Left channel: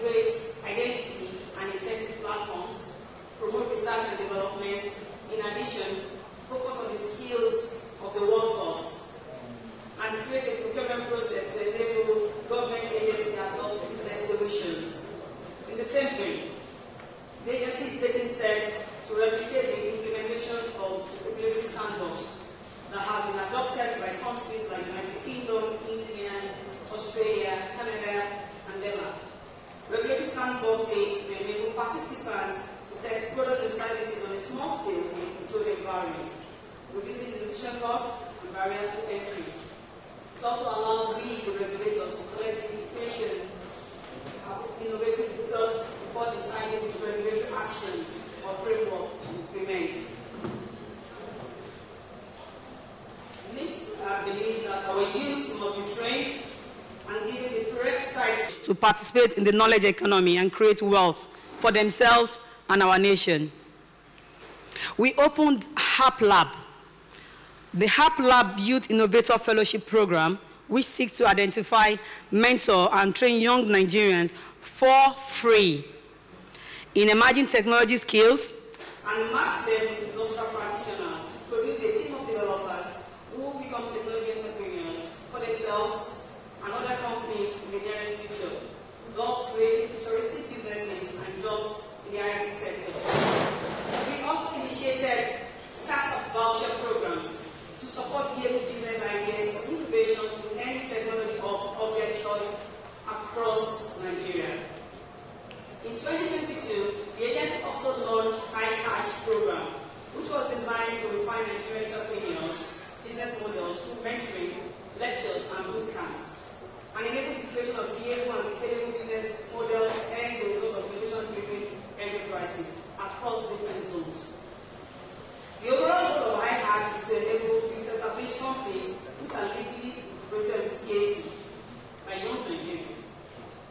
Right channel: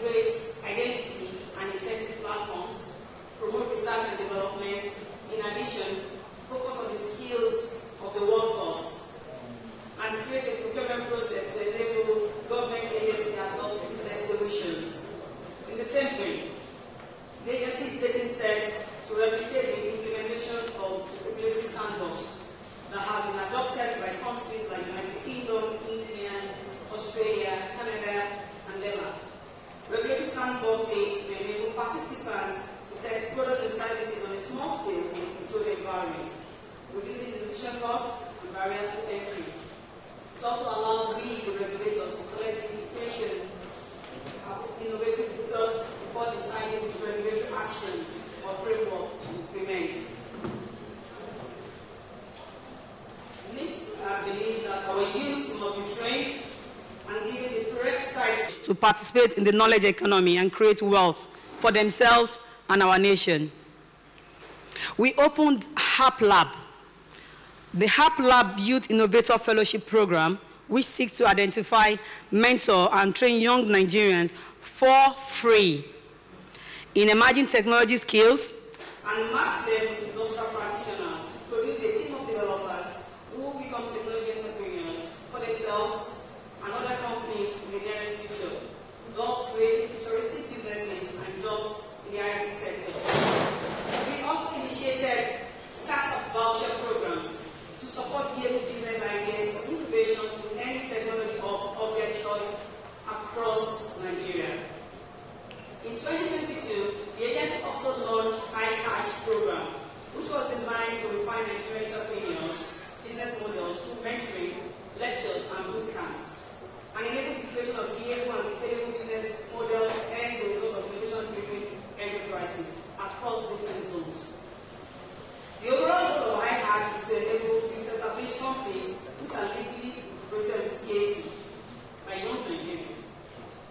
integrate identity and incentive platforms, promote research and development, in addition, focus on the skills of the workforce, and create a procurement process to enable government agencies to adopt internet solutions. In the same vein, the agency is taking steps to replicate the implementation of regulatory sandbox that have been adopted by countries like the United Kingdom, India, Australia, Canada, and Denmark. Regulatory sandboxes may enable participants to test products and services on a small scale in a controlled environment, reducing innovation costs and barriers to entry. It also allows we, the regulators, to collect information about innovative products before deciding which regulatory action or framework to implement. I believe that our youth must be trained and given the prerequisites to participate in the knowledge economy and create wealth for themselves and our nation. We opened HAP Lab, the HAP Lab Youth Innovator Fellowship Program, which seeks to identify, mentor, and train young Nigerians for free in emerging technology skills and match them with industrial practitioners to produce a team of developers who will become technology entrepreneurs for themselves and other companies in the nearest future, thus creating futuristic businesses and jobs in the IT sector. We also initiated startup voucher programs to support young business ideas for innovation in any technology hubs of their choice across Nigeria. In 2022, the agency also launched iCatch program, which was designed to refine Nigerian entrepreneurs' business models through mentoring, lectures, and boot camps, and enable the creation of viable and scalable business models and the result of innovation-driven enterprises across different zones. The overall goal of iCatch is to enable established companies which are legally operated with CAC by young Nigerians,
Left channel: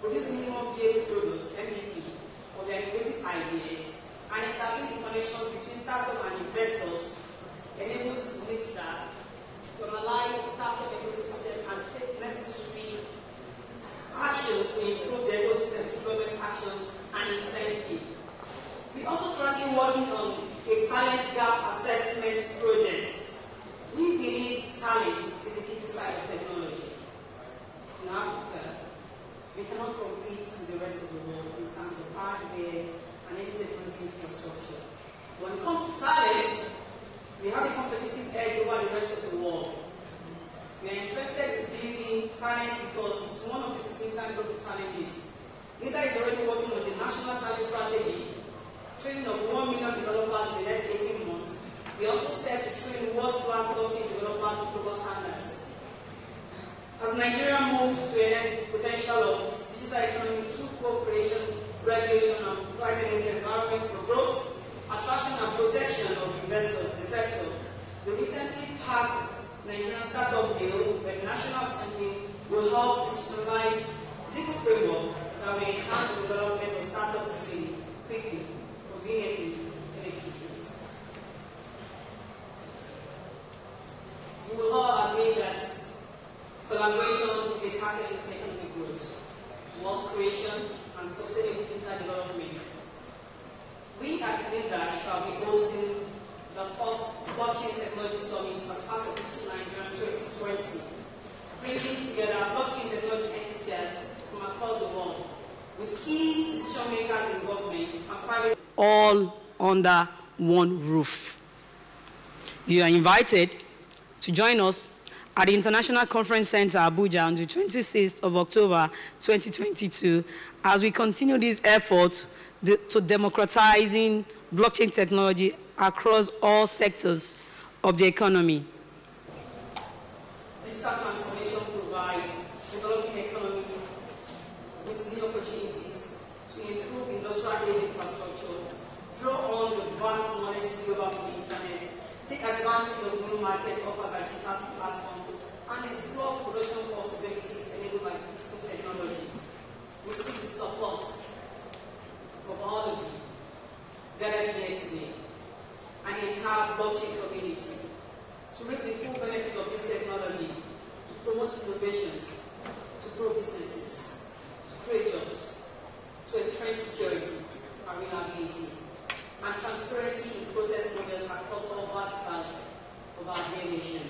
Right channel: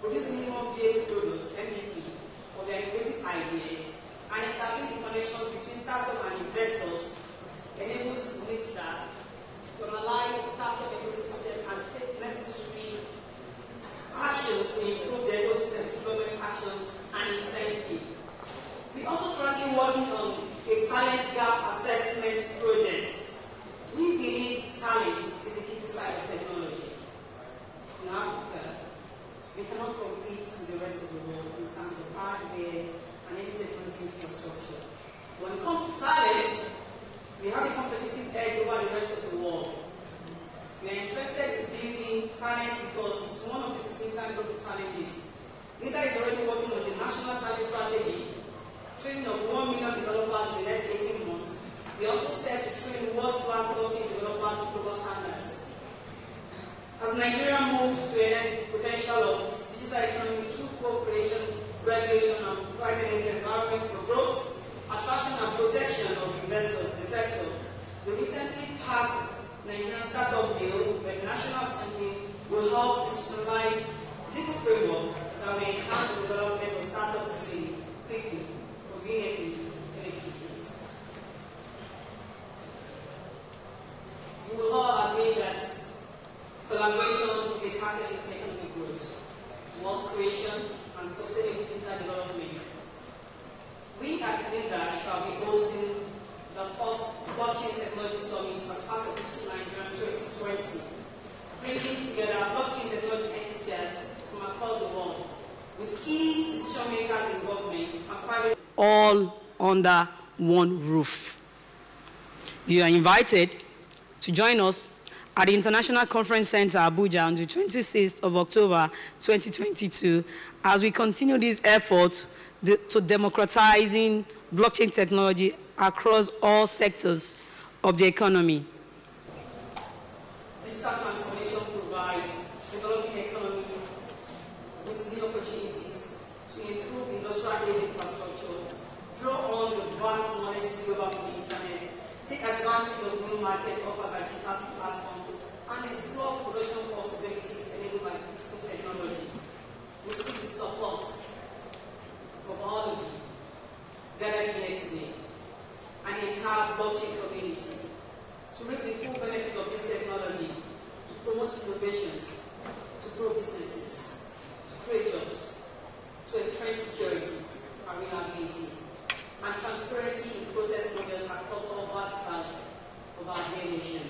produce minimum viable products, MVP, for their innovative ideas, and establish the connection between startup and investors, enables NITSTAR to analyze the startup ecosystem and take necessary actions to improve the ecosystem through government actions and incentive. We also currently working on a talent gap assessment project. We believe talent is the people side of technology. In Africa, we cannot compete with the rest of the world in terms of hardware and any technology infrastructure. When it comes to talent, we have a competitive edge over the rest of the world. We are interested in building talent because it's one of the significant global challenges. NIDA is already working on the national talent strategy, training of 1 million developers in the next 18 months. We also set to train world-class blockchain developers with global standards. As Nigeria moves to enhance the potential of its digital economy through cooperation, regulation, and providing an environment for growth, attraction, and protection of investors in the sector, the recently passed Nigerian Startup Bill by the National Assembly will help institutionalize legal framework that will enhance the development of startups easily, quickly, conveniently, and efficiently. You will all agree that collaboration is a catalyst for economic growth, wealth creation, and sustainable digital development. We at NIDA shall be hosting the first Blockchain Technology Summit as part of Nigeria 2020, bringing together blockchain technology enthusiasts from across the world with key decision makers in government and private, all under one roof. You are invited to join us at the International Conference Center, Abuja, on the 26th of October, 2022, as we continue this effort to democratizing blockchain technology across all sectors of the economy. Digital transformation provides developing economy with new opportunities to improve industrial infrastructure, draw on the vast knowledge available from the internet, take advantage of new markets offered by digital platforms, and explore production possibilities enabled by digital technology. We seek the support of all of you gathered here today and the entire blockchain community to reap the full benefit of this technology, to promote innovations, to grow businesses, to create jobs, ensuring security, reliability, and transparency in process models across all verticals of our dear nation.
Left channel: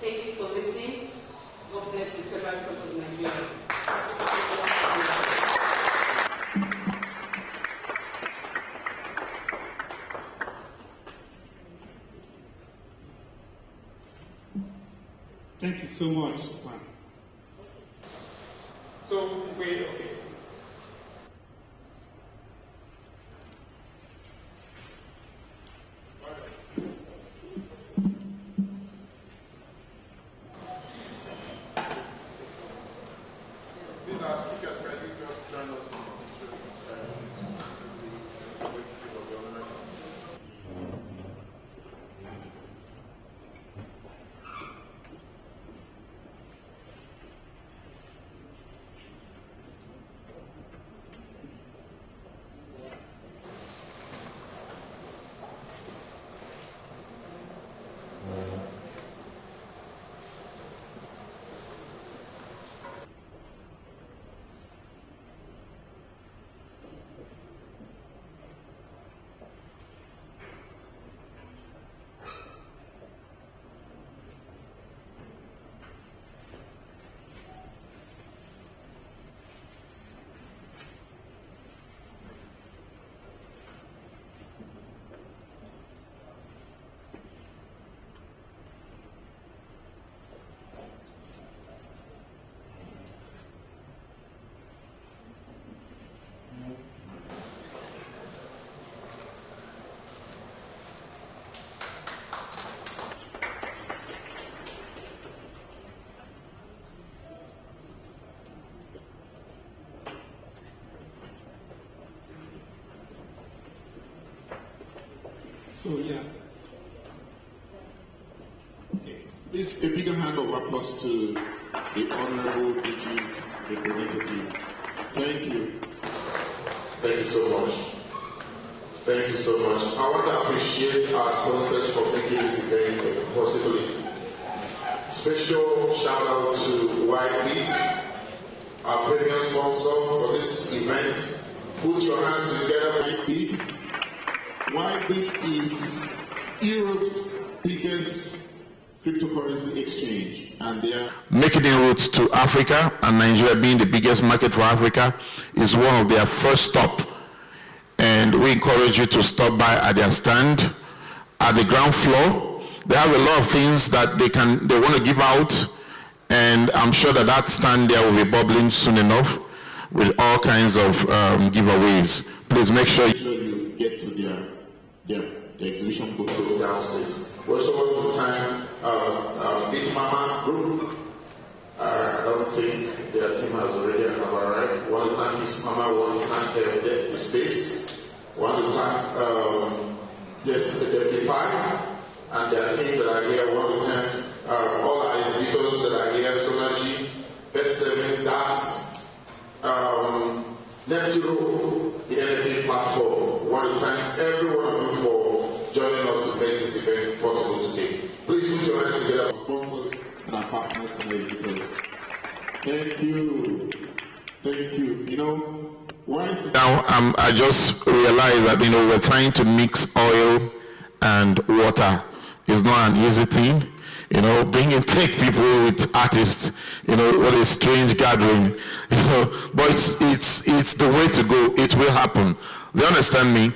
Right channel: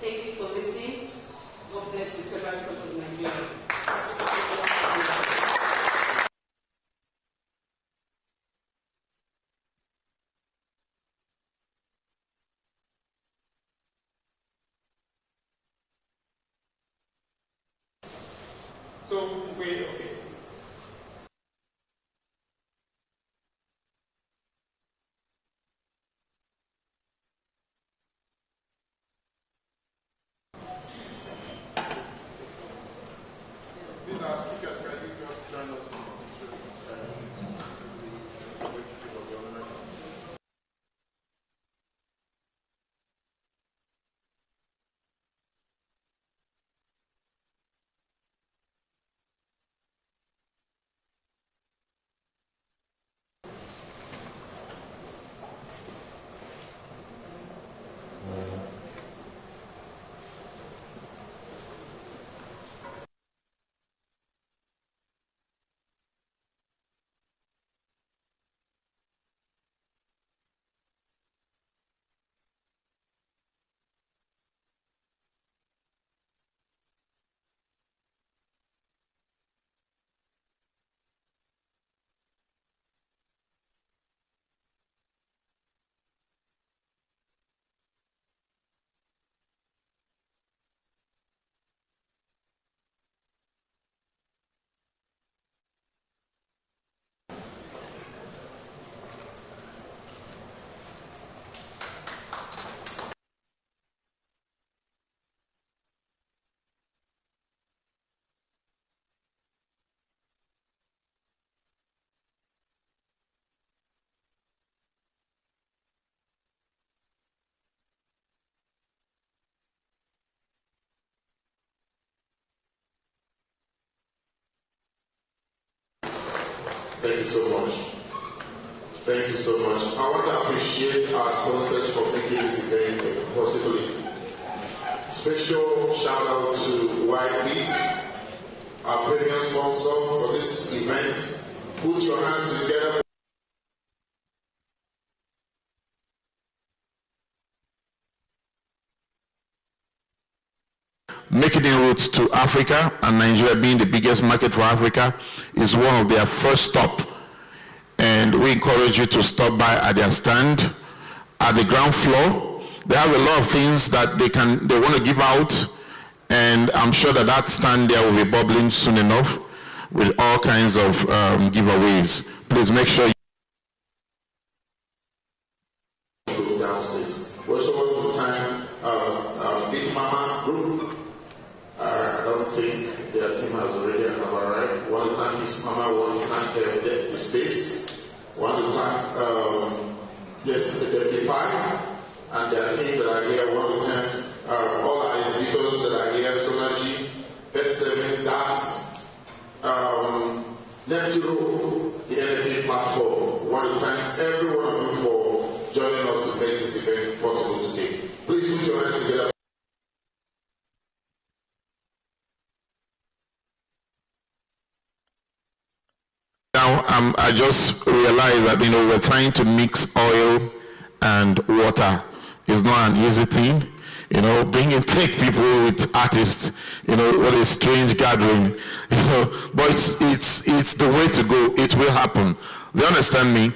Thank you for listening. God bless the Federal Republic of Nigeria. Thank you so much, Pam. So, wait, okay. These are speakers, can you just join us in So, yeah. Okay. Please, a bigger hand of applause to the Honorable DG's representative. Thank you. Thank you so much. Thank you so much. I want to appreciate our sponsors for making this event a possibility. Special shout out to Whitebeat, our premium sponsor for this event. Put your hands together for Whitebeat. Whitebeat is Europe's biggest cryptocurrency exchange, and they are making inroads to Africa, and Nigeria being the biggest market for Africa is one of their first stop. And we encourage you to stop by at their stand at the ground floor. They have a lot of things that they want to give out, and I'm sure that stand there will be bubbling soon enough with all kinds of giveaways. Please make sure you get to the exhibition book downstairs. We also want to thank Beat Mama Group. I don't think their team has already arrived. We want to thank Miss Mama. We want to thank the space. We want to thank the Deputy Park and their team that are here. We want to thank all our exhibitors that are here, Sonaji, Bet7, DAX, Neftiro, the NFT platform. We want to thank every one of you for joining us to make this event possible today. Please put your hands together. Sponsors and our partners and editors. Thank you. Thank you. You know, now I just realized that we're trying to mix oil and water. It's not an easy thing. Bringing tech people with artists, what a strange gathering, but it's the way to go. It will happen. They understand me.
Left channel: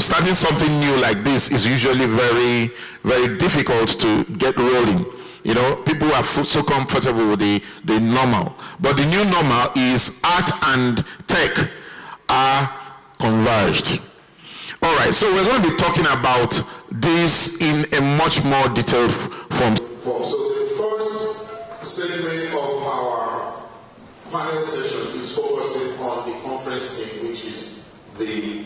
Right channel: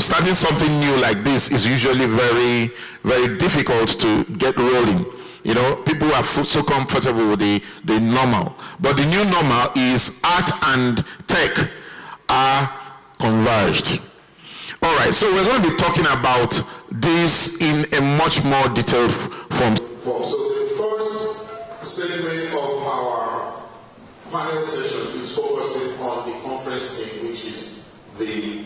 Starting something new like this is usually very, very difficult to get rolling. People are so comfortable with the normal. But the new normal is art and tech are converged. All right, so we're going to be talking about this in a much more detailed form. So the first segment of our panel session is focusing on the conference theme, which is the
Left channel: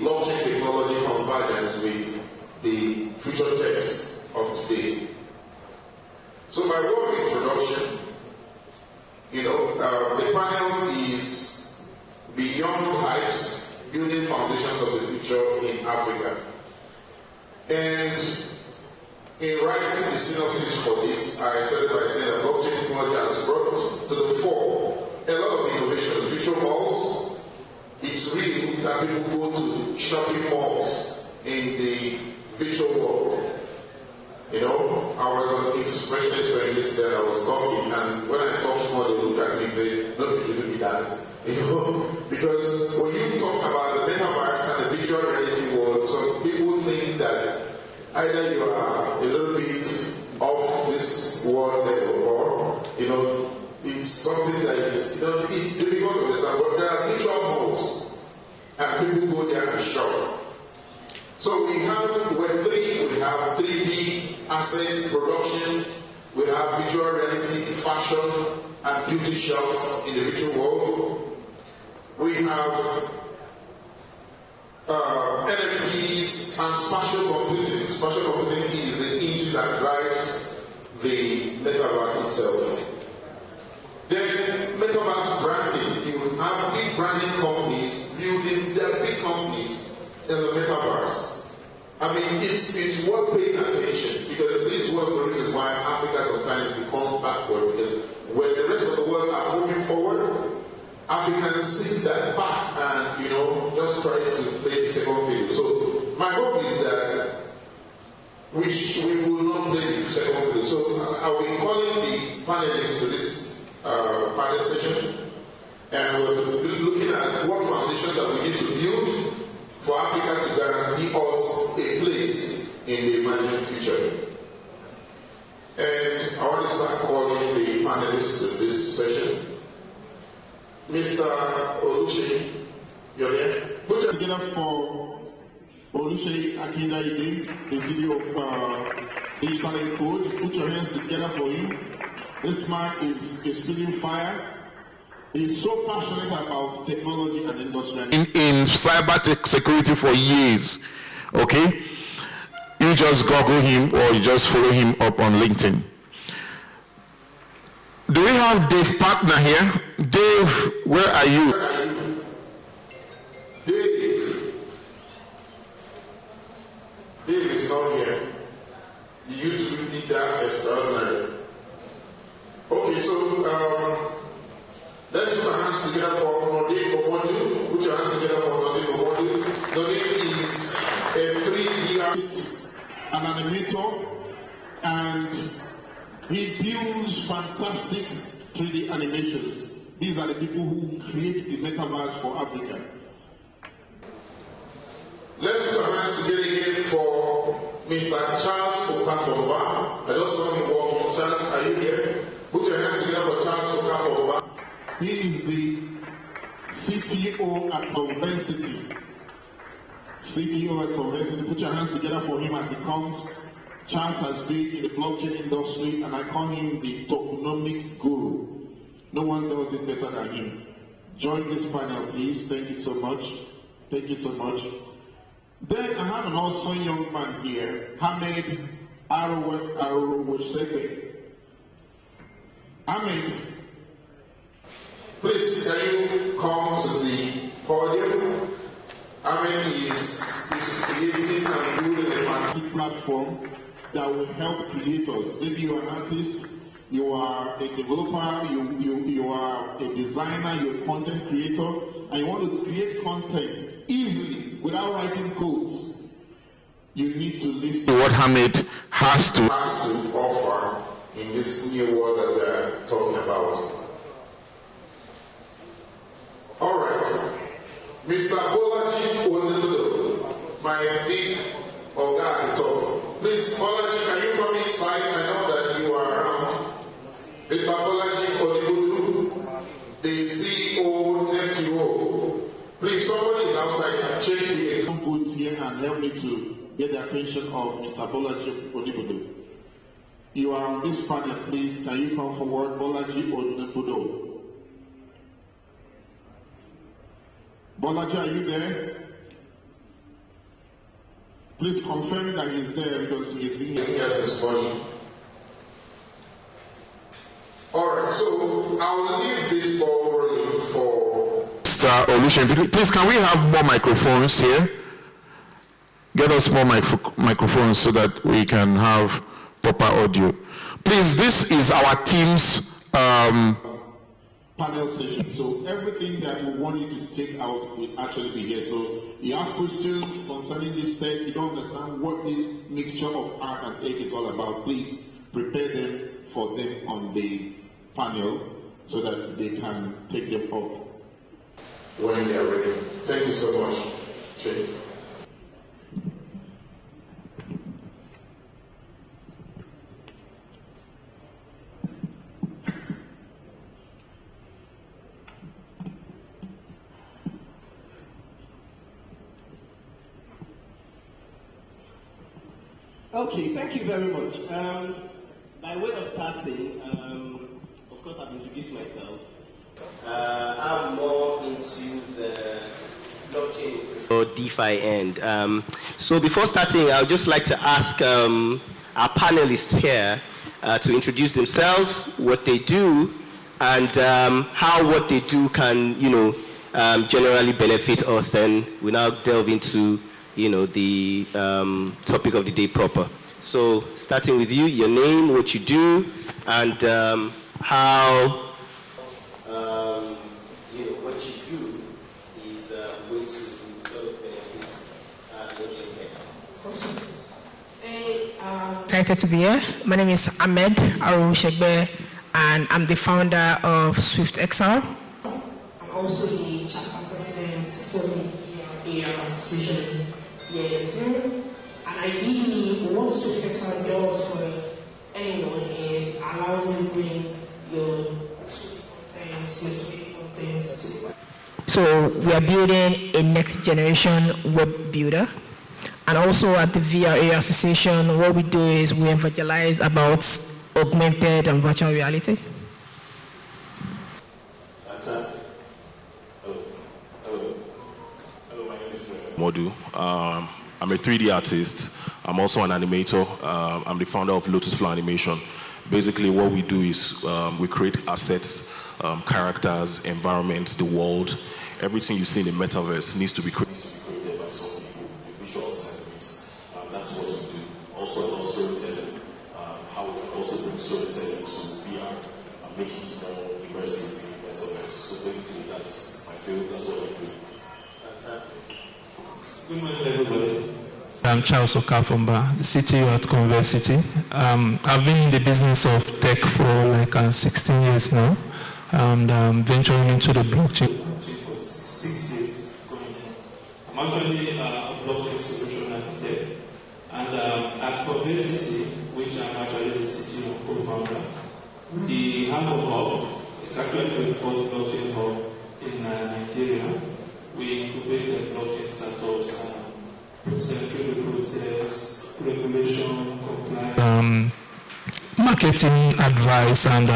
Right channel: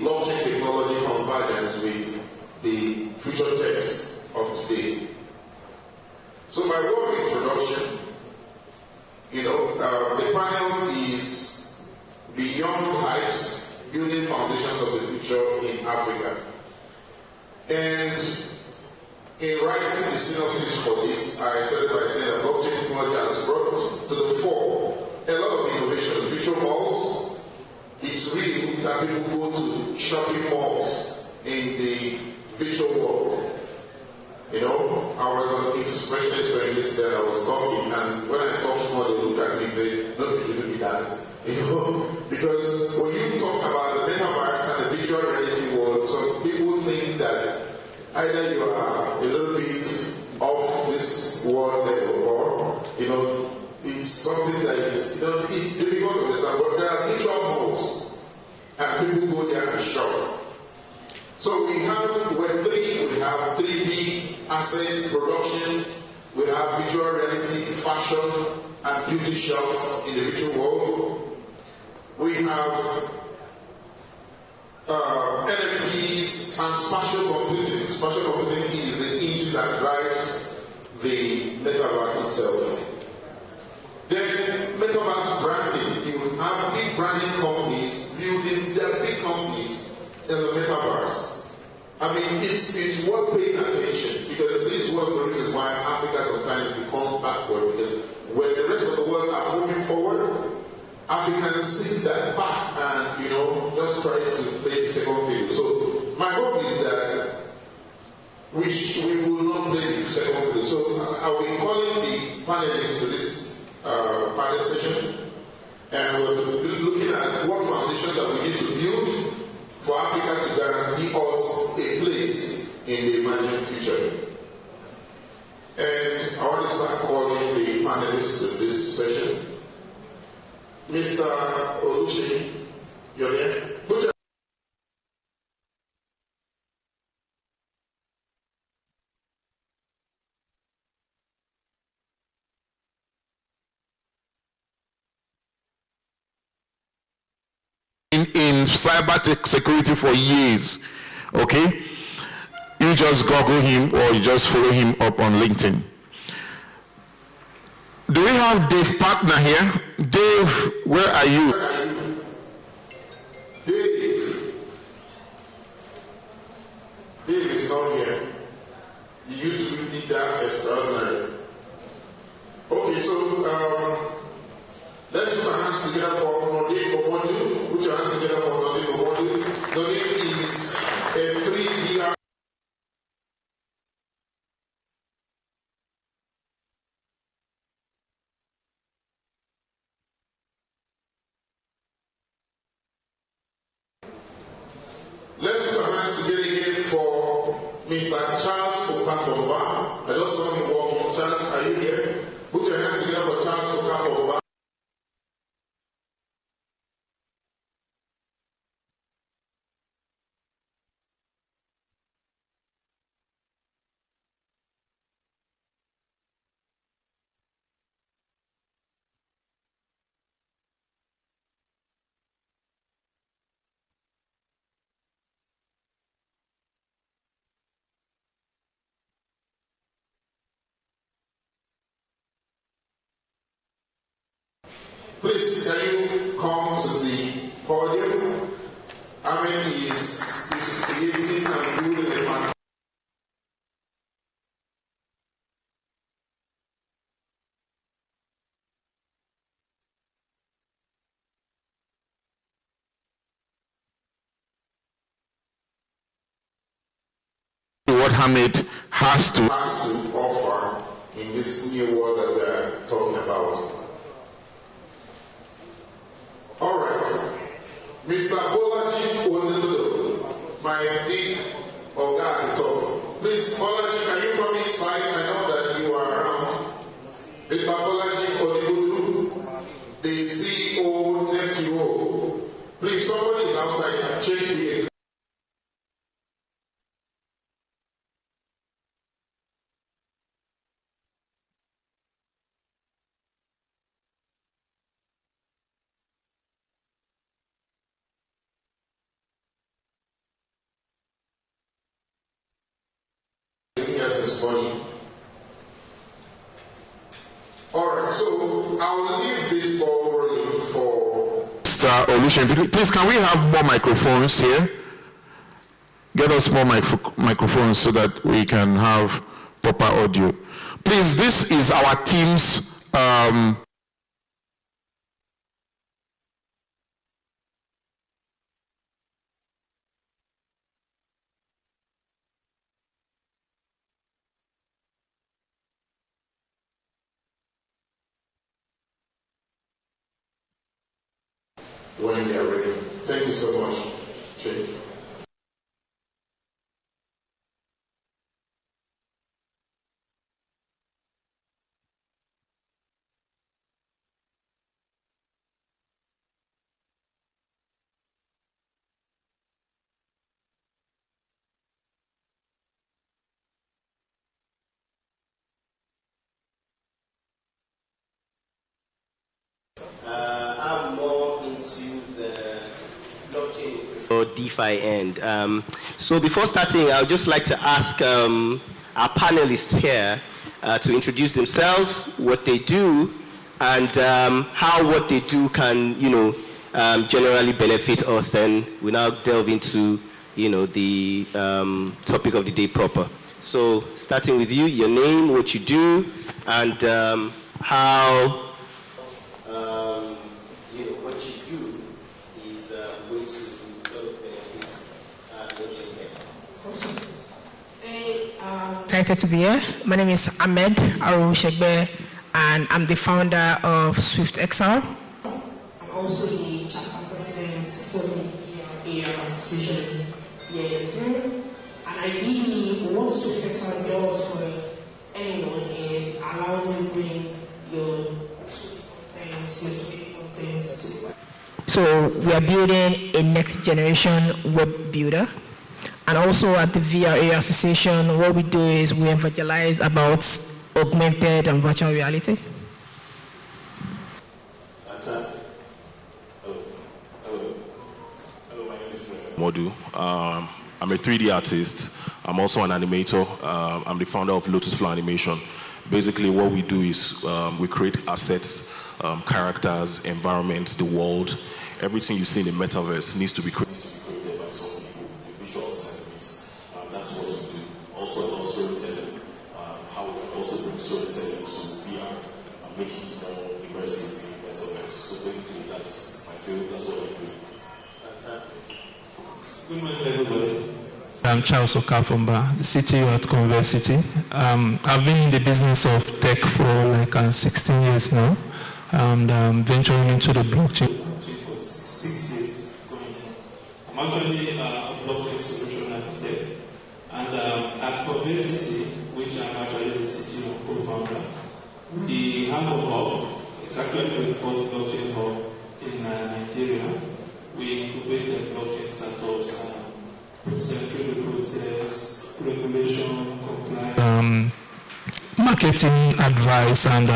blockchain technology convergence with the Futuretech of today. So by way of introduction, the panel is Beyond Hypes, Building Foundations of the Future in Africa. And in writing the synopsis for this, I started by saying that blockchain technology has brought to the fore a lot of innovations, virtual malls, that people go to shopping malls in the virtual world. You know, I was on information experience yesterday, I was talking, and when I talk small, they look at me and say, no, it shouldn't be that. You know, because when you talk about the metaverse and the virtual reality world, some people think that either you are a little bit off this world level, or, you know, it's something that is, you know, it's difficult to understand, but there are virtual malls, and people go there and shop. So we have Web3, we have 3D assets, production, we have virtual reality, fashion, and beauty shops in the virtual world. We have NFTs and spatial computing. Spatial computing is the engine that drives the metaverse itself. Then metaverse branding. You have big branding companies building their big companies in the metaverse. I mean, it's worth paying attention, because this is one of the reasons why Africa sometimes becomes backward, because when the rest of the world are moving forward, Africans sit that back and, you know, just try to play the second fiddle. So my hope is that we will not play the second fiddle. So I will be calling the panelists to this panel session, and we'll be looking at what foundation that we need to build for Africa to guarantee us a place in the imagined future. And I want to start calling the panelists to this session. Mr. Oluseyi, you're there? Put your together for Oluseyi Akindaide, the CEO of Digital Code. Put your hands together for him. This man is spitting fire. He's so passionate about technology and industry. In cyber tech security for years, okay? You just Google him or you just follow him up on LinkedIn. Do we have Dave Partner here? Dave, where are you? Dave is not here. The YouTube leader extraordinary. Okay, so let's put our hands together for Nordin Omodu. Put your hands together for Nordin Omodu. Nordin is a 3D artist, an animator, and he builds fantastic 3D animations. These are the people who create the metaverse for Africa. Let's put our hands together again for Mr. Charles Okafomba. I just saw him walking. Charles, are you here? Put your hands together for Charles Okafomba. He is the CTO at Convensity. CTO at Convensity. Put your hands together for him as he comes. Charles has been in the blockchain industry, and I call him the tokenomics guru. No one does it better than him. Join this panel, please. Thank you so much. Thank you so much. Then I have an awesome young man here, Hamid Arowosebe. Hamid, please, can you come to the podium? Hamid is creating and building a fantastic platform that will help creators. Maybe you are an artist, you are a developer, you are a designer, you're a content creator, and you want to create content easily without writing codes. You need to listen to what Hamid has to offer in this new world that we are talking about. All right, Mr. Bolaji Oneludo, my big Oga at the top. Please, Bolaji, can you come inside? I know that you are around. Mr. Bolaji Oneludo, the CEO, FTO. Please, somebody is outside. Check the good here and help me to get the attention of Mr. Bolaji Oneludo. You are on this panel, please. Can you come forward, Bolaji Oneludo? Bolaji, are you there? Please confirm that he's there because he's being here. Yes, it's funny. All right, so I'll leave this ball rolling for Mr. Oluseyi. Please, can we have more microphones here? Get us more microphones so that we can have proper audio. Please, this is our team's panel session. So everything that we want you to take out will actually be here. So you ask questions concerning this tech, you don't understand what this mixture of art and egg is all about, please prepare them for them on the panel so that they can take them up when they are ready. Thank you so much, Chief. Okay, thank you very much. By way of starting, of course I've introduced myself. I'm more into the blockchain or DeFi end. So before starting, I would just like to ask our panelists here to introduce themselves, what they do, and how what they do can, generally benefit us. Then we now delve into the topic of the day proper. So, starting with you, your name, what you do, and how what you do is going to sort of benefit the audience. Awesome. Hey, excited to be here. My name is Ahmed Arushegbe, and I'm the founder of SwiftXR. I'm also the chapter president for the AR Association. And ideally, what SwiftXR does for anyone, it allows you to bring your contents to the. So we are building a next generation web builder. And also at the VRA Association, what we do is we evangelize about augmented and virtual reality. Fantastic. Hello, my name is Modu. I'm a 3D artist. I'm also an animator. I'm the founder of Lotus Flow Animation. Basically, what we do is we create assets, characters, environments, the world. Everything you see in the metaverse needs to be created by some people, the visuals and elements. That's what we do. Also about storytelling, how we can also bring storytelling to VR and make it more immersive in the metaverse. So basically, that's my field. That's what I do. Fantastic. Good morning, everybody. I'm Charles Okafomba, the CTO at Conversity. I've been in the business of tech for like 16 years now, and venturing into the blockchain for 6 years going on. I'm actually a blockchain solution architect, and at Conversity, which I'm actually the CTO and co-founder, the Hamburg Hub is actually the first blockchain hub in Nigeria. We incubated blockchain startups and put them through the process, regulation, compliance, marketing advice, and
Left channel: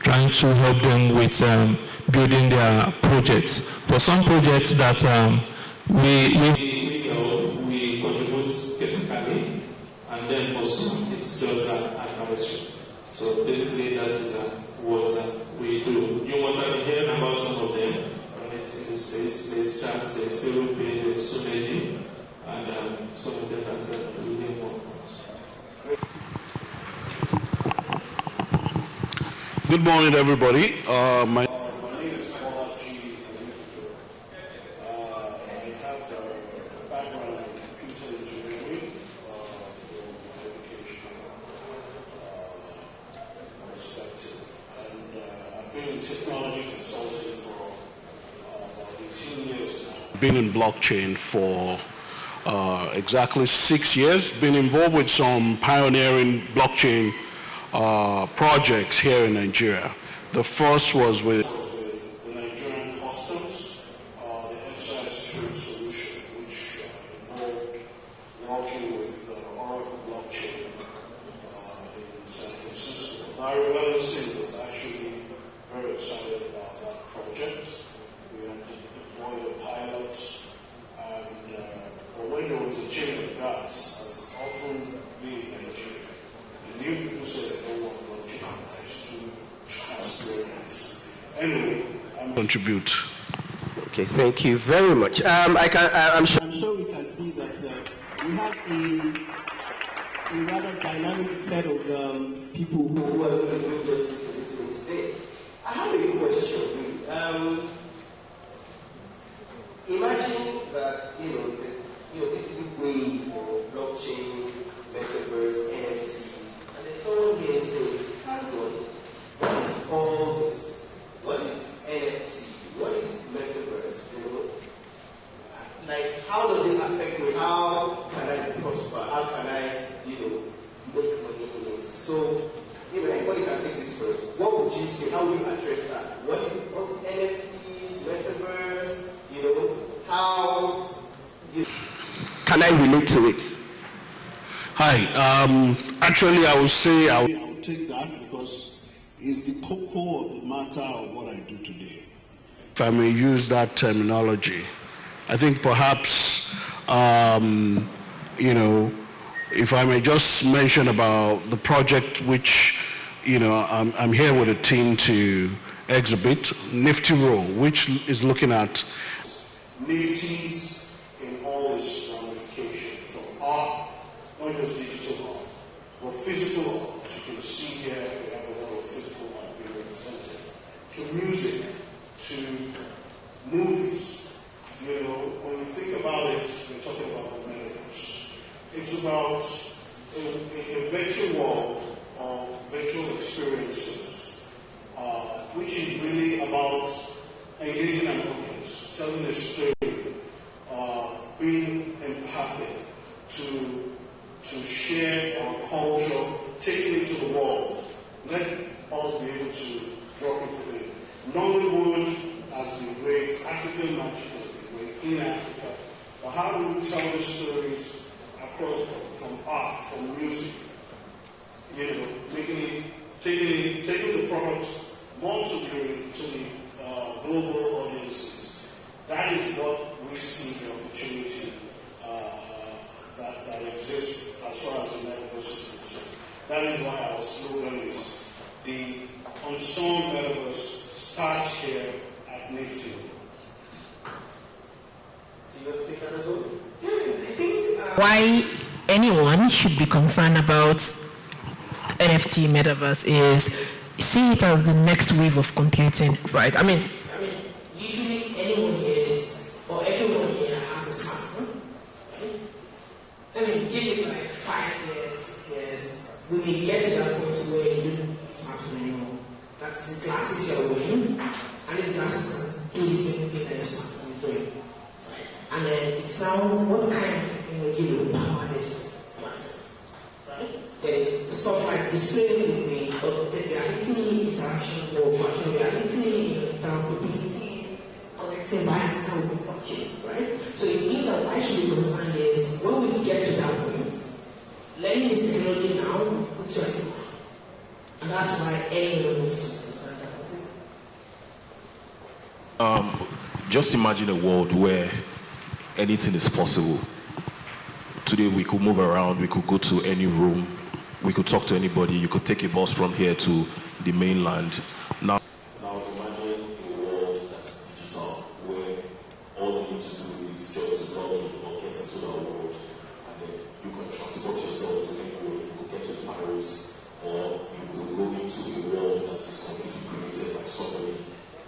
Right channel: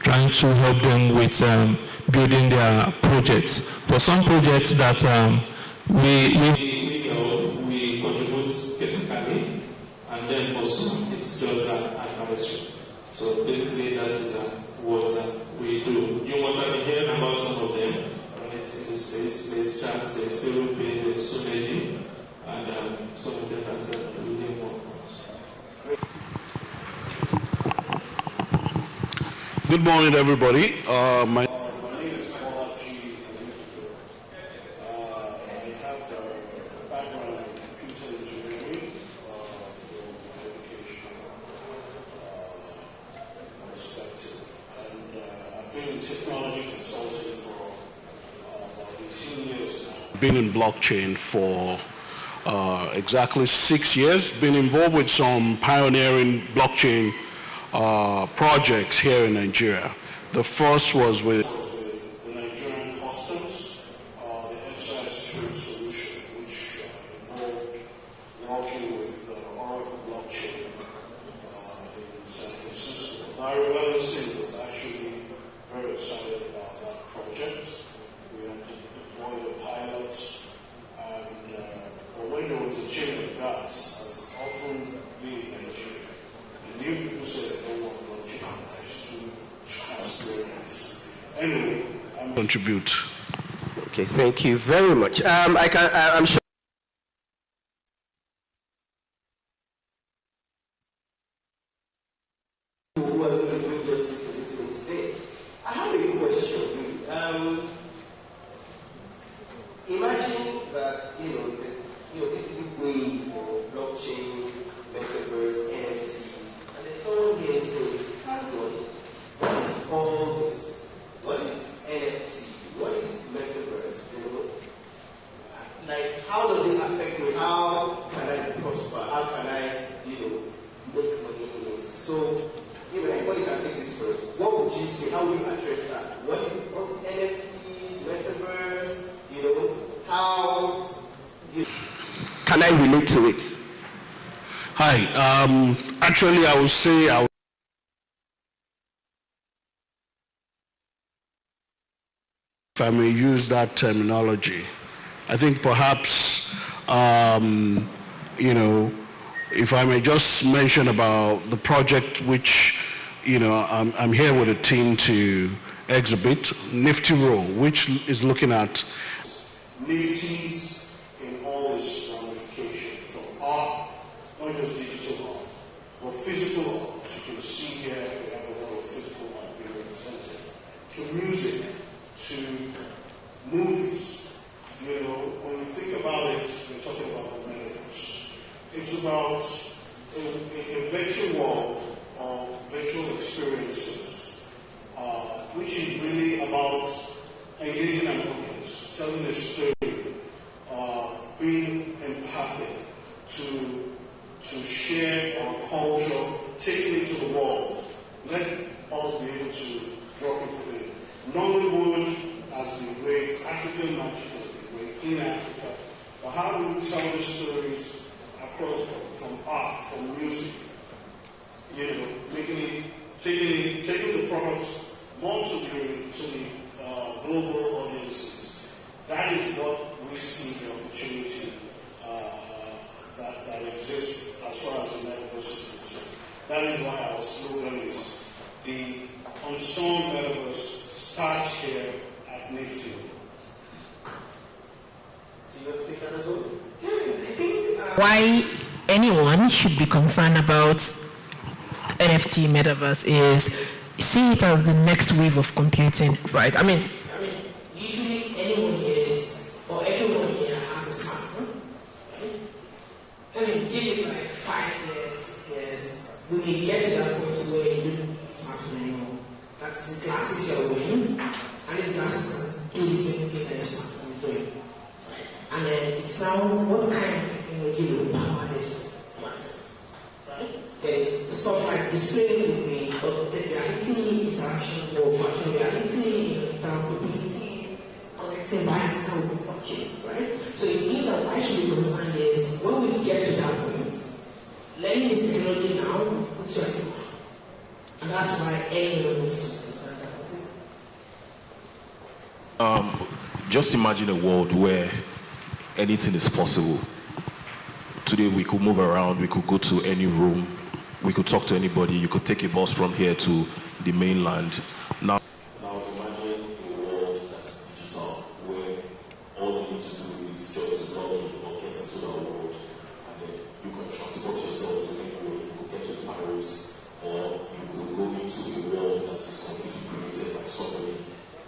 trying to help them with building their projects. For some projects that we contribute technically, and then for some it's just administration. So basically that is what we do. You must have been hearing about some of them. It's in the space, there's chats, there's Stereo Pay, there's Someji, and some of them are really more. Good morning, everybody. My name is Paula G. I have a background in computer engineering from my educational perspective. And I've been in technology consulting for about 18 years now. I've been in blockchain for exactly 6 years. Been involved with some pioneering blockchain projects here in Nigeria. The first was with the Nigerian Customs, the excise security solution, which involved working with Oracle blockchain in San Francisco. Larry Ellison was actually very excited about that project. We had deployed a pilot, and when there was a change of guards, as often be in Nigeria, the new people said they don't want blockchain. I used to transparent. Anyway, I'm contribute. Okay, thank you very much. I'm sure we can see that we have a rather dynamic set of people who are going to do justice to this thing today. I have a question. Imagine that this big wave of blockchain, metaverse, NFT, and then someone here saying, "Hang on, what is all this? What is NFT? What is metaverse? Like, how does it affect me? How can I prosper? How can I, make money in it?" So, anybody can take this first. What would you say? How would you address that? What is NFT, metaverse? How can I relate to it? Hi. Actually, I would say I would take that because it's the cocoa of the matter of what I do today. If I may use that terminology, I think perhaps, if I may just mention about the project which, I'm here with a team to exhibit, Nifty Row, which is looking at Nifty's in all its ramifications, from art, not just digital art, but physical art. As you can see here, we have a lot of physical art being represented, to music, to movies. When you think about it, we're talking about the metaverse. It's about a virtual world of virtual experiences, which is really about engaging an audience, telling a story, being empathic, to share our culture, taking it to the world. Let us be able to drop it in. Nollywood has been great, African magic has been great in Africa. But how do we tell the stories across from art, from music? Taking the products more to the global audiences. That is what we see the opportunity that exists as far as the metaverse is concerned. That is why our slogan is the unsung metaverse starts here at Nifty. So you want to take that as well? Yeah, I think why anyone should be concerned about NFT metaverse is see it as the next wave of computing, right? I mean, usually anyone here or everyone here has a smartphone, right? Give it like 5 years, 6 years, we may get to that point where you don't need a smartphone anymore. That's the glasses you're wearing, and these glasses can do the same thing that your smartphone is doing. Right? And then it's now what kind of technology will power this glasses, right? There is stuff like display the augmented reality, interaction or virtual reality, interoperability, connecting by itself with blockchain, right? So it means that why should be concerned is when we get to that point, learning this technology now puts you at the proof. And that's why anyone needs to be concerned about it. Just imagine a world where anything is possible. Today we could move around, we could go to any room, we could talk to anybody, you could take a bus from here to the mainland. Now imagine a world that's digital, where all you need to do is just log in or get into that world, and then you can transport yourself to anywhere. You could get to Paris, or you could go into a world that is completely created by somebody.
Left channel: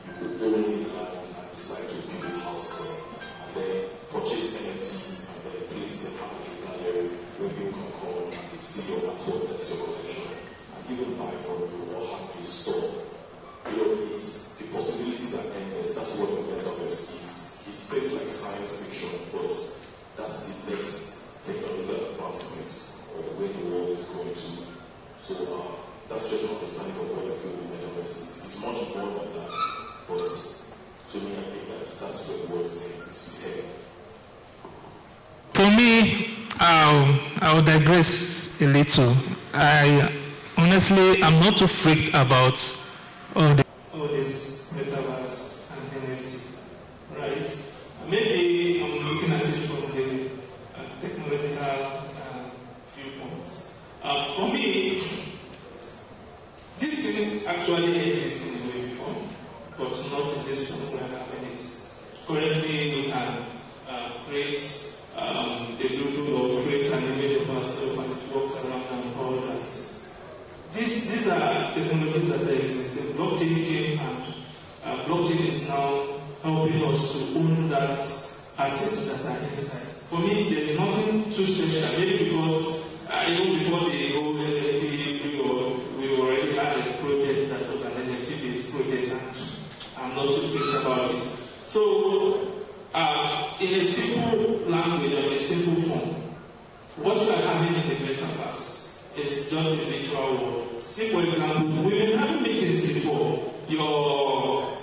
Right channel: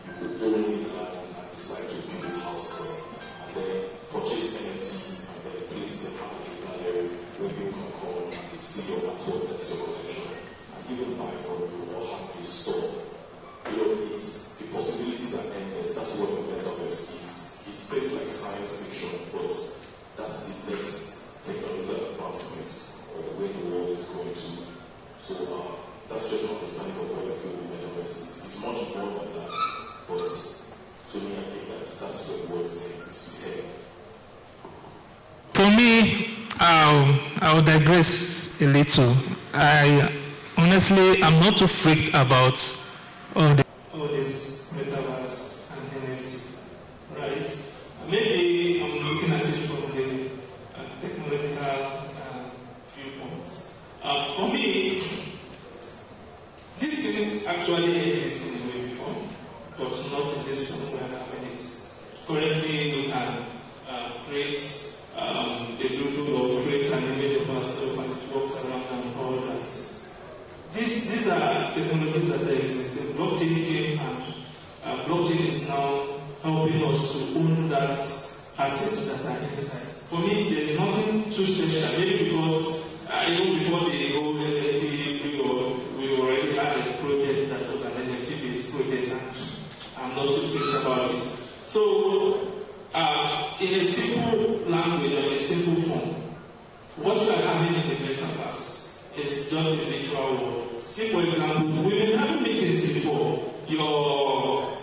You could own a land and decide to build a house there, and then purchase NFTs and then place them at a gallery where people can come and see your artwork, that's your collection, and even buy from you or have a store. It's the possibilities are endless. That's what the metaverse is. It seems like science fiction, but that's the next technological advancement of where the world is going to. So that's just an understanding of what I feel the metaverse is. It's much more than that, but to me, I think that's where the world is heading. For me, I will digress a little. Honestly, I'm not too freaked about all this metaverse and NFT, right? Maybe I'm looking at it from the technological viewpoints. For me, these things actually exist in the way before, but not in this form we are having it. Currently, we can create a doodle or create an image of ourselves and it works around and all that. These are technologies that are existing. Blockchain came and blockchain is helping us to own that assets that are inside. For me, there is nothing too special, maybe because even before the whole NFT, we already had a project that was an NFT-based project, and I'm not too thinking about it. So, in a simple language or in a simple form, what we are having in the metaverse is just a virtual world. See, for example, we've been having meetings before, your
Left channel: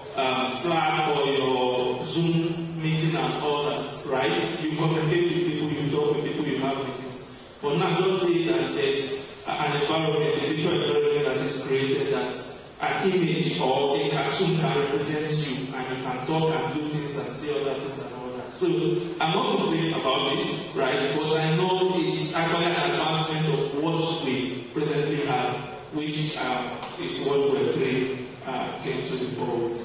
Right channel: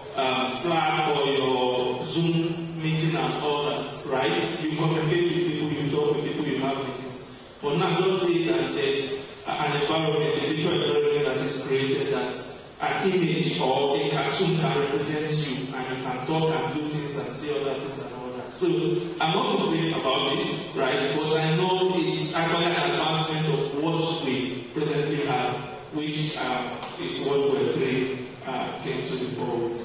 Slack or your Zoom meeting and all that, right? You communicate with people, you talk with people, you have meetings. But now just say that there's an environment, a virtual environment that is created that an image or a cartoon can represent you, and you can talk and do things and say other things and all that. So I'm not afraid about it, right? But I know it's actually an advancement of what we presently have, which is what Web3 came to the forward.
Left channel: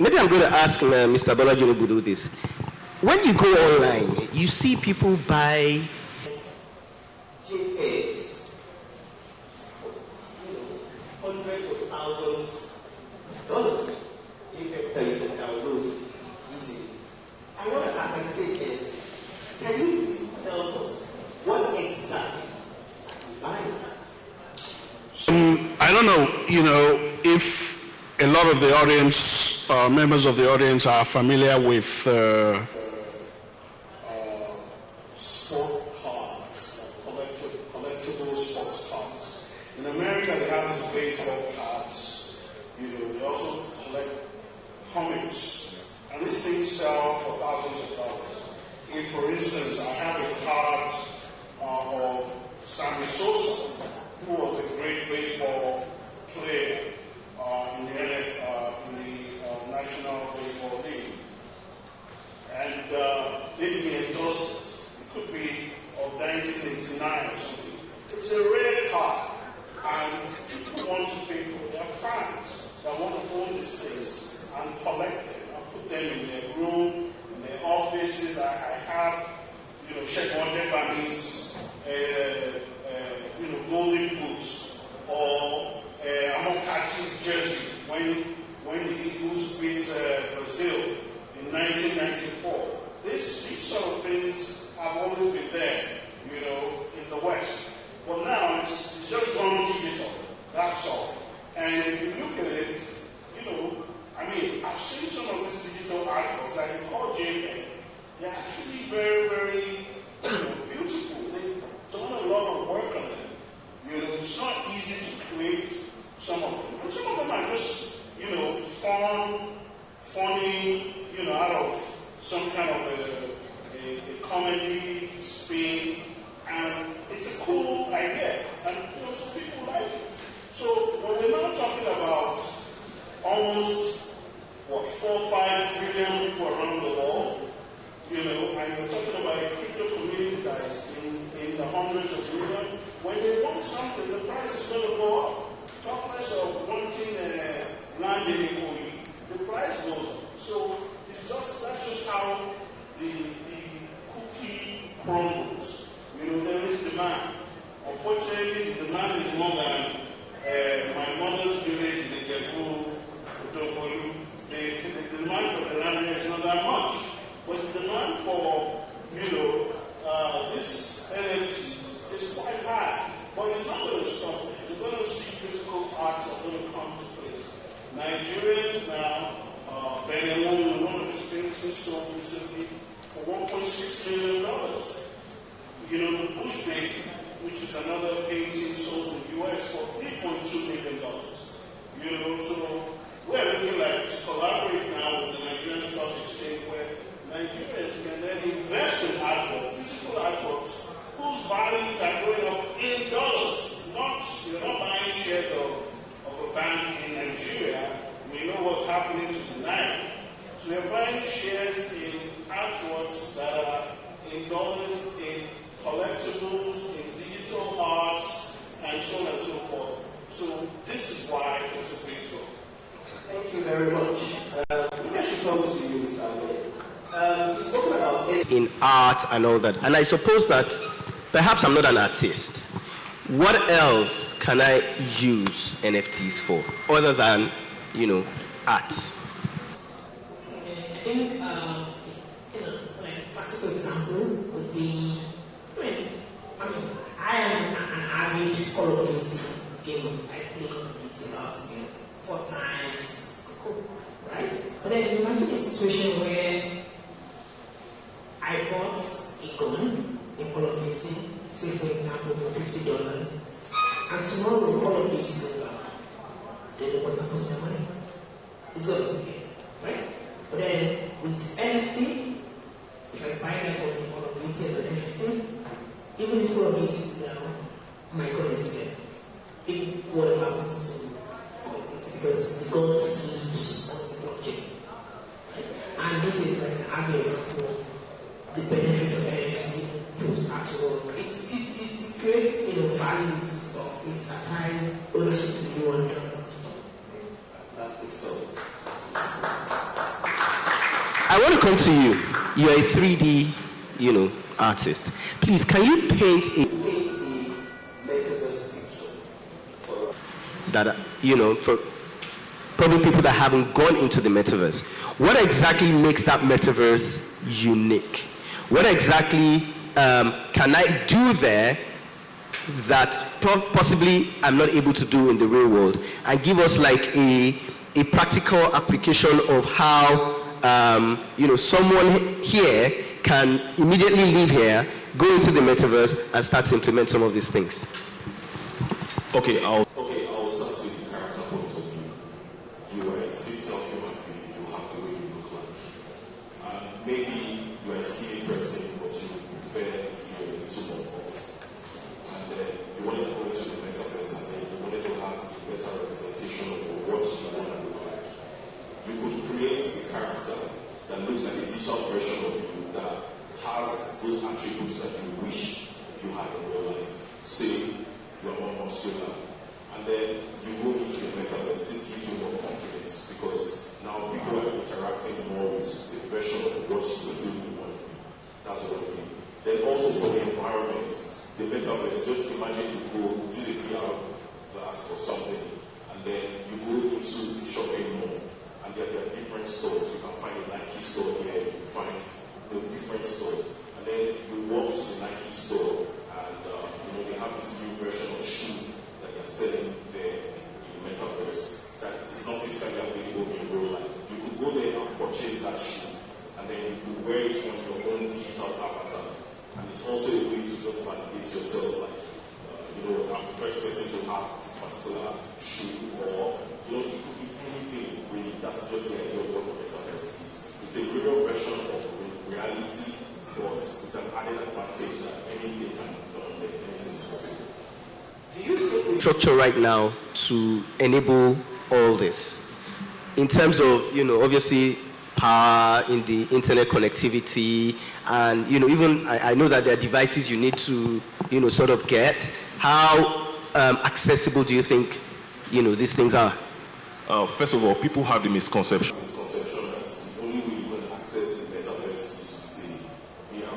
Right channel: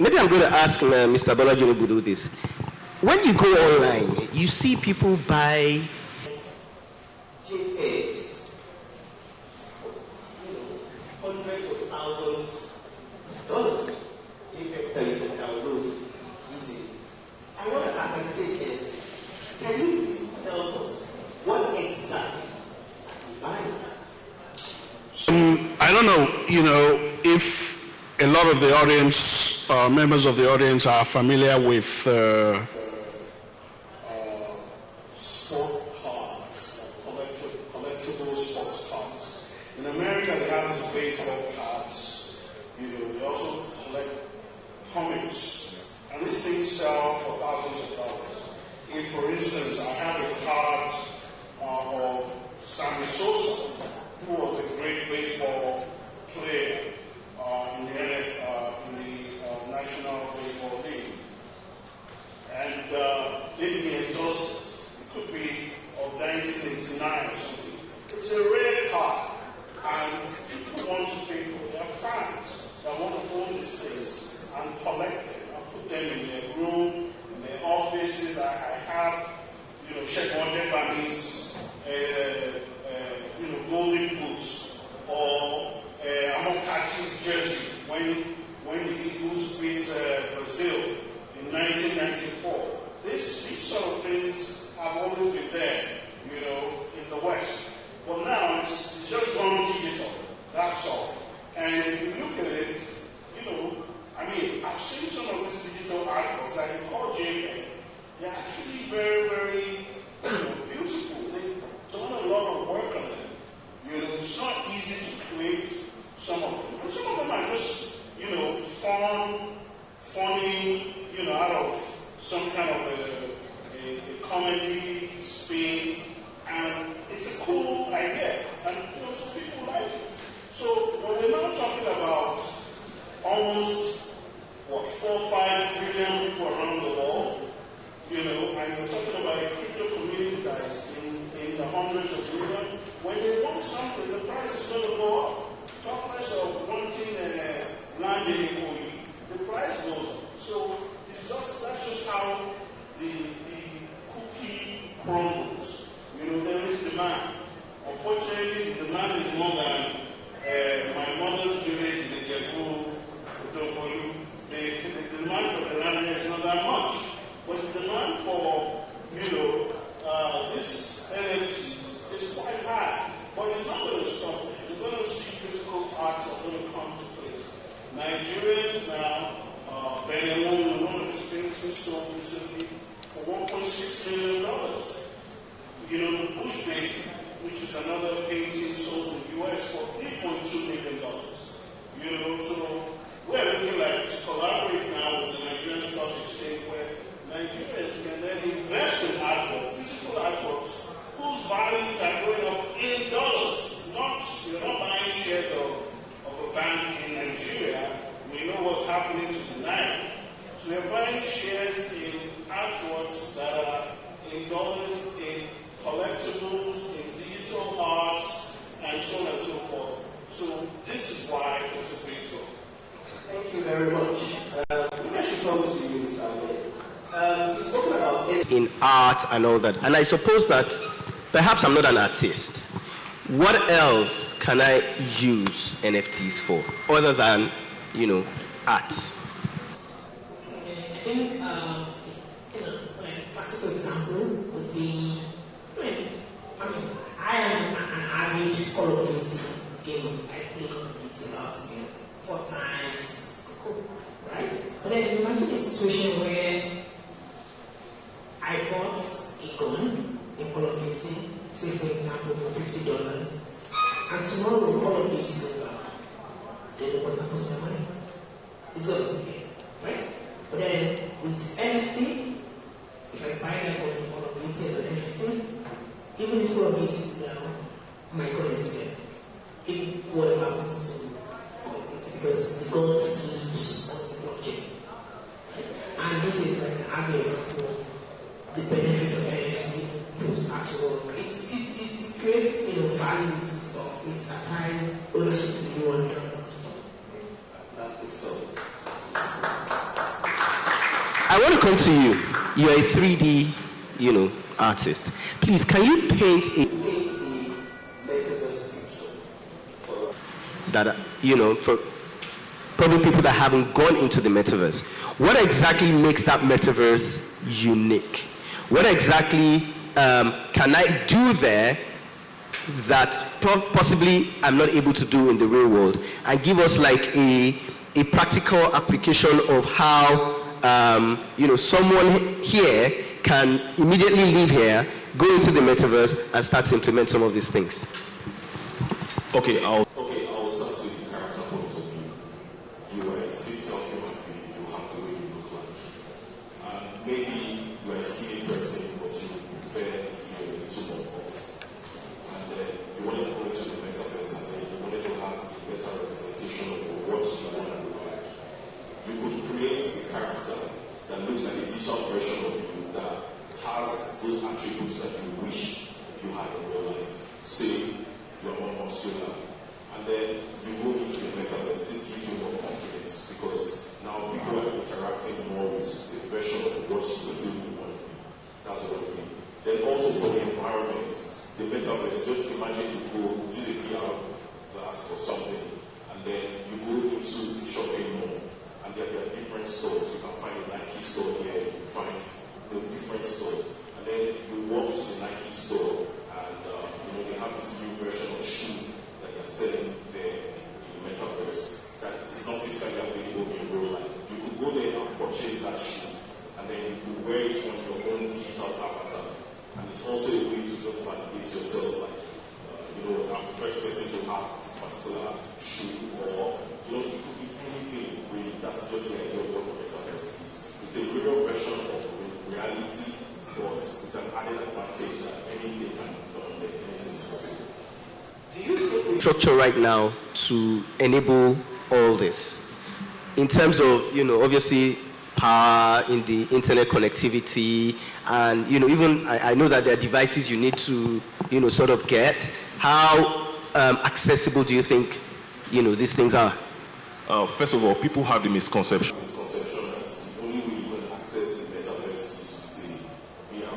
Maybe I'm going to ask Mr. Bolaji Obudu this. When you go online, you see people buy JPEGs, hundreds of thousands of dollars, JPEGs that you can download easily. I want to ask, like I said, can you please tell us what exactly you buy? I don't know, if a lot of the audience, members of the audience are familiar with sport cards, collectible sports cards. In America, they have these baseball cards. They also collect comics, and these things sell for thousands of dollars. If, for instance, I have a card of Sammy Sosa, who was a great baseball player in the National Baseball League, and maybe he endorsed it. It could be of 1989 or something. It's a rare card, and people want to pay for it. There are fans that want to own these things and collect them and put them in their room, in their offices. I have, Sheikh Wondebami's, golden boots, or Amokachi's jersey when the Eagles beat Brazil in 1994. These sort of things have always been there, in the West. But now it's just gone digital. That's all. And if you look at it, I've seen some of these digital artworks that you call JPEG. They're actually very, very beautiful. They've done a lot of work on them. It's not easy to create some of them. And some of them are just, funny, out of some kind of a comedy spin. And it's a cool idea. And, some people like it. So when we're now talking about almost, 4 or 5 billion people around the world, and we're talking about a crypto community that is in the hundreds of millions, when they want something, the price is going to go up. Talk less of wanting land in Ikoyi, the price goes up. So that's just how the cookie crumbles. There is demand. Unfortunately, the demand is more than my mother's village in Ijebu, Udogolu. The demand for the land there is not that much. But the demand for, this NFTs is quite high. But it's not going to stop there. You're going to see physical arts are going to come to place. Nigerians now, Benin, one of his paintings sold recently for $1.6 million. The Bush Baby, which is another painting sold in the US for $3.2 million. So we're looking like to collaborate now with the Nigerian Stock Exchange, where Nigerians can then invest in artwork, physical artworks, whose values are going up in dollars. You're not buying shares of a bank in Nigeria. We know what's happening to the Naira. So you're buying shares in artworks that are in dollars, in collectibles, in digital arts, and so on and so forth. So this is why it's a big deal. Thank you very much. I should come to you, Mr. Ahmed. You've spoken about it in art and all that, and I suppose that perhaps I'm not an artist. What else can I use NFTs for other than, art? think, you know, like a classical example would be, I am an avid Call of Duty gamer. I play Call of Duty a lot, you know, Fortnite, cool, right? But then imagine a situation where I bought a gun in Call of Duty, say for example for $50, and tomorrow Call of Duty goes back. Then what happens to my money? It's gonna be here, right? But then with NFT, if I buy that gun in Call of Duty as an NFT, even if Call of Duty now, my gun is there. If whatever happens to Call of Duty, because the gun sleeps on the blockchain. Right? And this is like an average of the benefit of NFT post artwork. It creates, you know, value to stuff. It supplies ownership to you and fantastic stuff. I want to come to you. You're a 3D, you know, artist. Please, can you paint a metaverse picture for that, you know, for probably people that haven't gone into the metaverse? What exactly makes that metaverse unique? What exactly can I do there that possibly I'm not able to do in the real world? And give us like a practical application of how you know, someone here can immediately leave here, go into the metaverse, and start to implement some of these things. Okay, I'll start with the character point of view. You are a physical human being, you have the way you look like. And maybe you are a skinny person, but you prefer if you're a little more buff. And you wanted to go into the metaverse, and then you wanted to have a better representation of what you want to look like. You could create a character that looks like a digital version of you that has those attributes that you wish you had in real life. Say you are more muscular, and then you go into the metaverse. This gives you more confidence because now people are interacting more with the version of what you feel you want to be. That's one thing. Then also for the environment, the metaverse, just imagine you go use a VR glass or something, and then you go into the shopping mall, and there are different stores. You can find a Nike store here, you can find different stores, and then you walk to the Nike store, and you know, they have this new version of shoe that they're selling there in the metaverse that is not physically available in real life. You could go there and purchase that shoe, and then you could wear it on your own digital avatar. And it's also a way to just validate yourself, like, you know what, I'm the first person to have this particular shoe, or, you know, it could be anything really. That's just the idea of what the metaverse is. It's a real version of reality, but with an added advantage that anything can be done, like anything is possible. Do you think structure right now to enable all this? In terms of, you know, obviously power in the internet connectivity, and, you know, even I know that there are devices you need to, you know, sort of get. How accessible do you think, you know, these things are? First of all, people have the misconception that the only way you can access the metaverse is with a VR.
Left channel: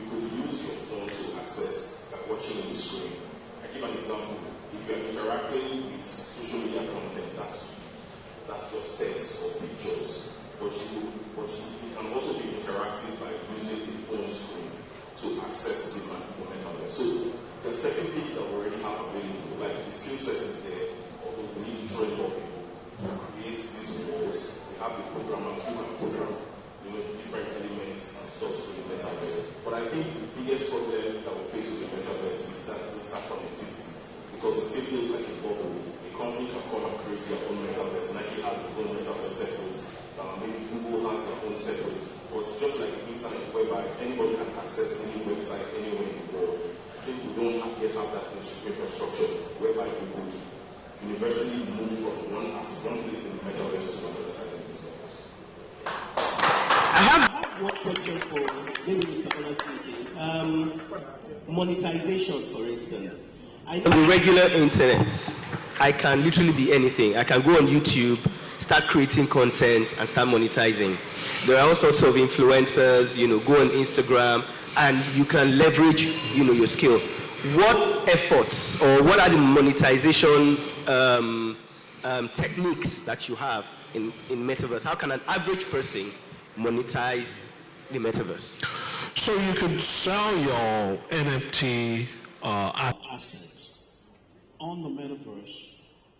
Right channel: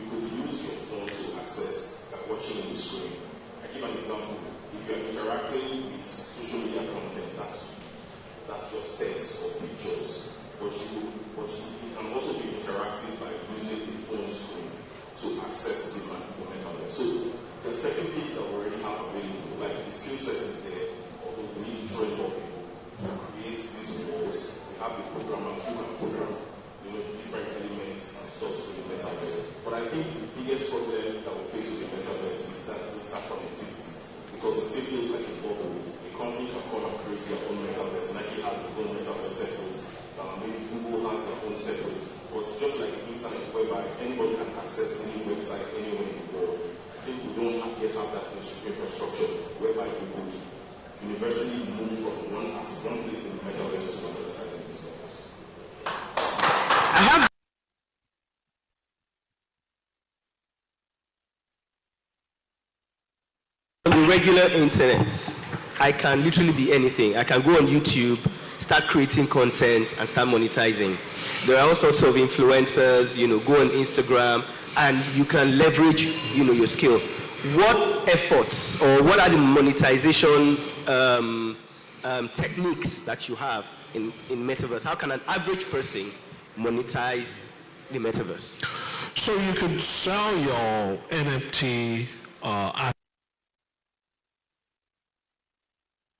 You could use your phone to access by watching the screen. I give an example. If you are interacting with social media content, that's just text or pictures. But you can also be interactive by using the phone screen to access the metaverse. So the second thing that we already have available, like the skill set is there, although we need to train more people to create these roles. We have the programmers who can program, you know, different elements and stuff to the metaverse. But I think the biggest problem that we face with the metaverse is that interconnectivity, because it still feels like a bubble. A company can come and create their own metaverse. Nike has their own metaverse separate. Maybe Google has their own separate. But just like the internet, whereby anybody can access any website anywhere in the world, I think we don't yet have that infrastructure whereby you could universally move from one place in the metaverse to another side of the metaverse. I have one question for maybe Mr. Olaki. Monetization, for instance. On the regular internet, I can literally be anything. I can go on YouTube, start creating content, and start monetizing. There are all sorts of influencers, you know, go on Instagram, and you can leverage, you know, your skill. What efforts or what are the monetization techniques that you have in metaverse? How can an average person monetize the metaverse? So you could sell your NFT assets on the metaverse,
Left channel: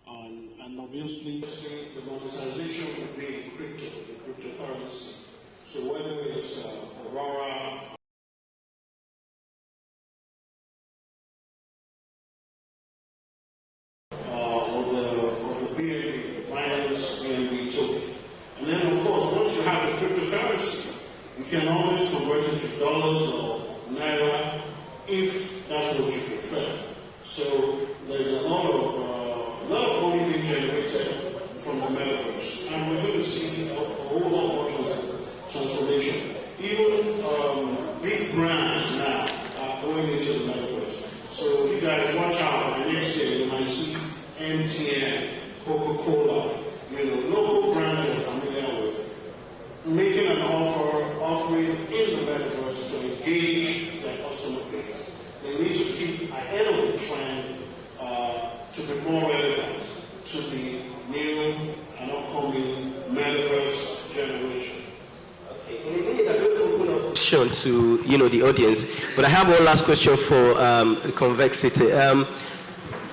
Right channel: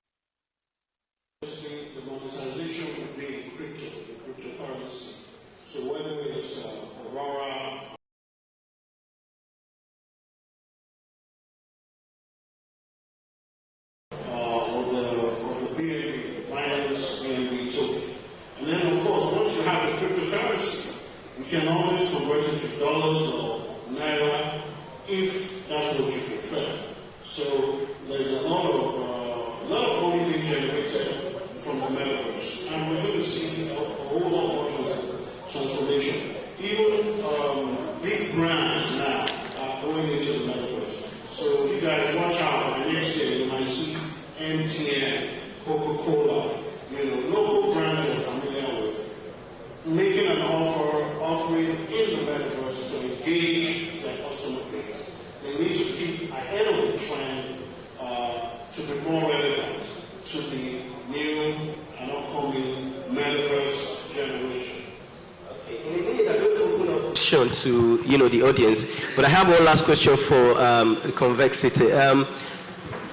and obviously the monetization would be in crypto, the cryptocurrency. So whether it's Aurora, or the BNB, Binance BNB token. And then of course, once you have the cryptocurrency, you can always convert it to dollars or naira if that's what you prefer. So there's a lot of money being generated from the metaverse, and we're going to see a whole lot more transformation. Even big brands now are going into the metaverse. So you guys watch out. The next year you might see MTN, Coca-Cola, local brands you're familiar with, making an offering in the metaverse to engage their customer base. They need to keep ahead of the trend to be more relevant to the new and upcoming metaverse generation. Question to the audience, but I have one last question for Convexity.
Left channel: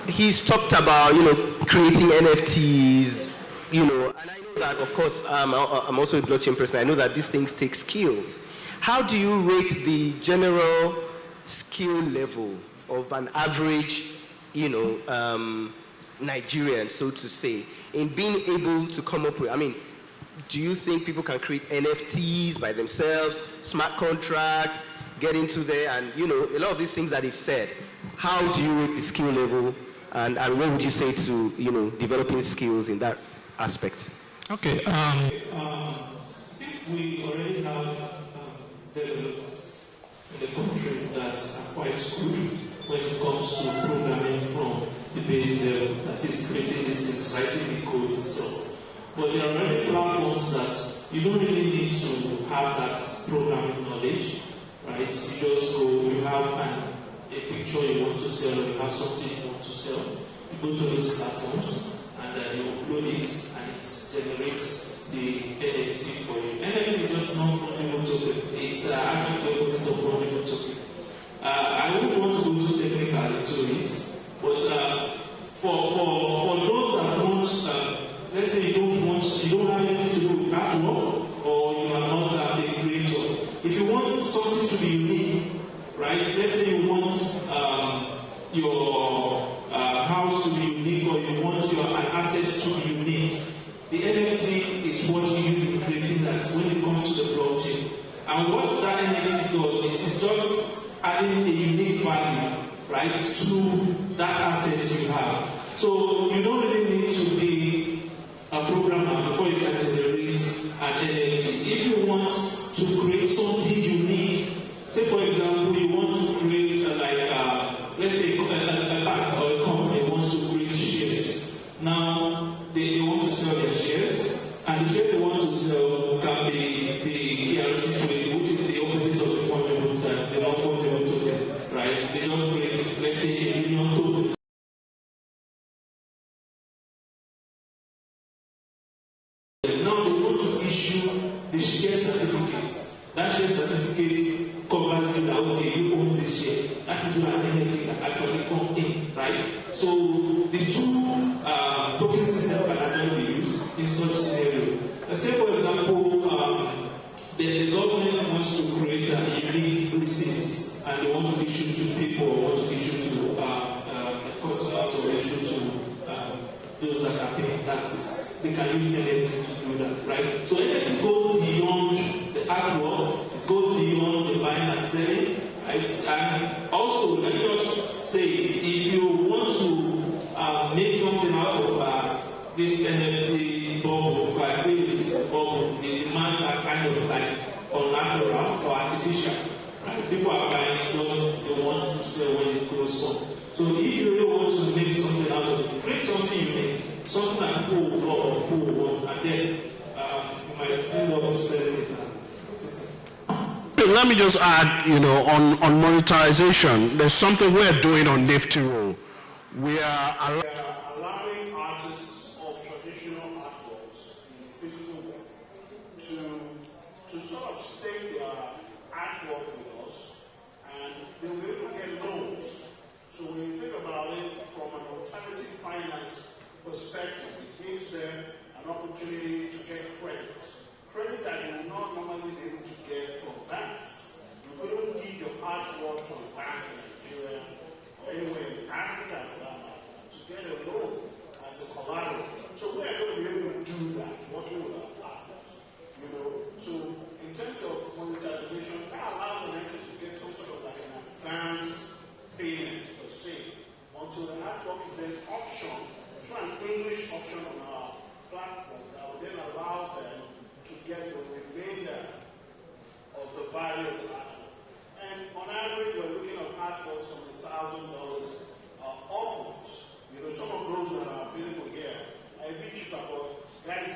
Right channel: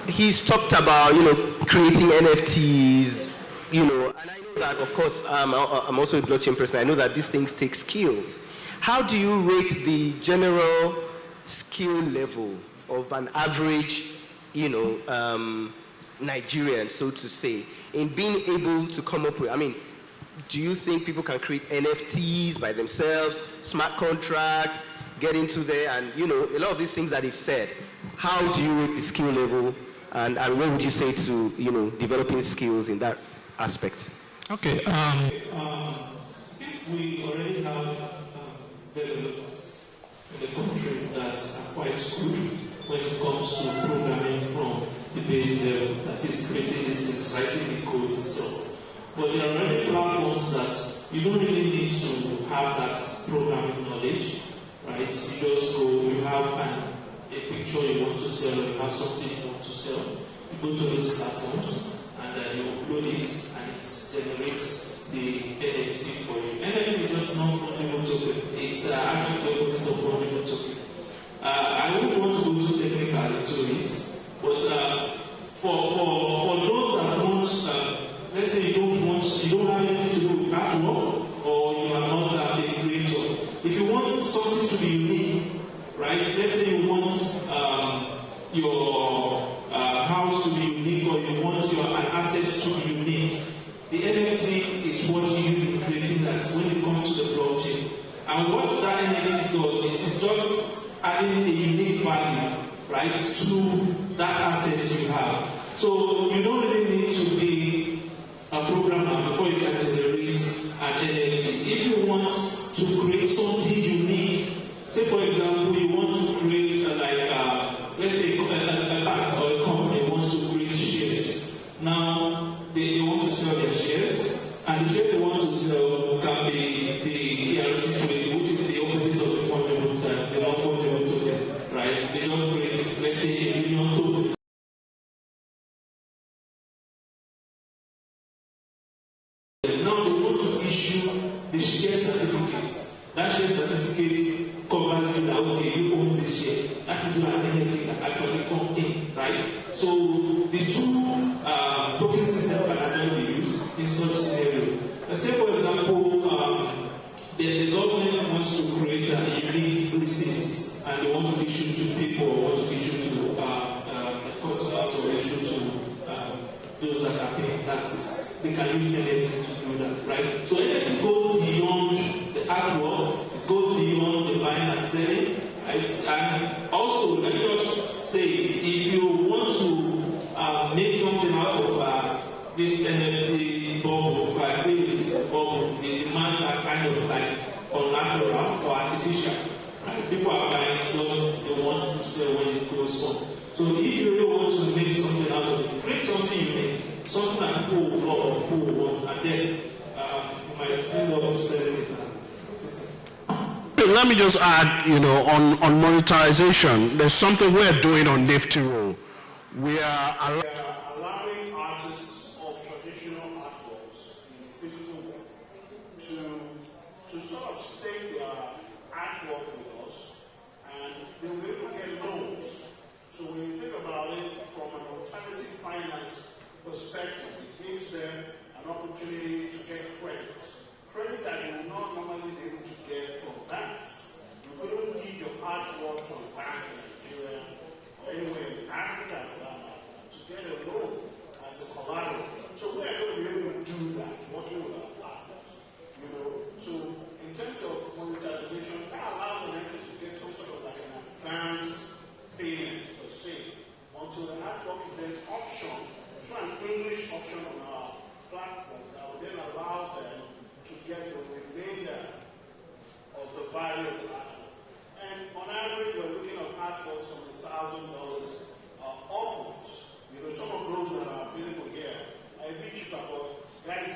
He's talked about creating NFTs, and I know that of course I'm also a blockchain person. I know that these things take skills. How do you rate the general skill level of an average Nigerian, so to say, in being able to come up with? I mean, do you think people can create NFTs by themselves, smart contracts, get into there, and a lot of these things that they've said? How do you rate the skill level, and what would you say to developing skills in that aspect? Okay, I think we already have developers in the country that are quite good when it comes to programming from the base level, that is creating these things, writing the code itself. But there are already platforms that you don't really need to have that programming knowledge, right? You just go, you have a picture you want to sell, or you have something you want to sell. You go to those platforms and you upload it, and it generates the NFT for you. NFT is just non-fungible token. It's actually the opposite of fungible token. I wouldn't want to go too technical into it, but for those that want, let's say you don't have anything to do with artwork, or you are not a creator. If you want something to be unique, right? Let's say you want your house to be unique, or you want an asset to be unique. The NFT is what you use in creating that when it comes to the blockchain. And what that NFT does is it's just adding a unique value, right, to that asset you have. So you don't really need to be a programmer before you can generate an NFT. If you want to create something unique, say for example, you want to create let's say a bank or a company wants to create shares. Now they want to sell their shares, and the shares they want to sell can be the ERC20, which is the opposite of the fungible token, the non-fungible token, right? They just create, let's say, 1 million tokens. Now they want to issue the share certificates. That share certificate covers you that, okay, you own this share. That is where an NFT can actually come in, right? So the two token systems can actually be used in such scenario. Let's say, for example, the government wants to create a unique receipts, and they want to issue to people, or want to issue to customers, or issue to those that are paying taxes. They can use NFT to do that, right? So NFT goes beyond the artwork, it goes beyond the buying and selling, right? And also, let me just say, if you want to make something out of this NFT bubble, I feel it is a bubble, the demands are kind of like unnatural or artificial, right? People are buying it just they want to sell when it goes on. So if you really want to make something out of it, create something unique, something that people will love, people will want, and then you might end up selling it. Let me just add, on monetization, there's something we're doing on Nifty Roll. We are allowing artists of traditional artworks in the physical world to artwork with us, and they will be able to get loans. So when you think about it from an alternative finance perspective, it gives them an opportunity to get credit that you will not normally be able to get from banks. You couldn't give your artwork to a bank in Nigeria or anywhere in Africa for that matter to get a loan as a collateral. So we are going to be able to do that, working with our partners. So in terms of monetization, that allows an entity to get some sort of like an advance payment per se, until the artwork is then auctioned through an English auction on our platform that will then allow them to get the remainder of the value of the artwork. And on average, we're looking at artworks from $1,000 upwards. Some of those that are available here are a bit cheaper, but guys,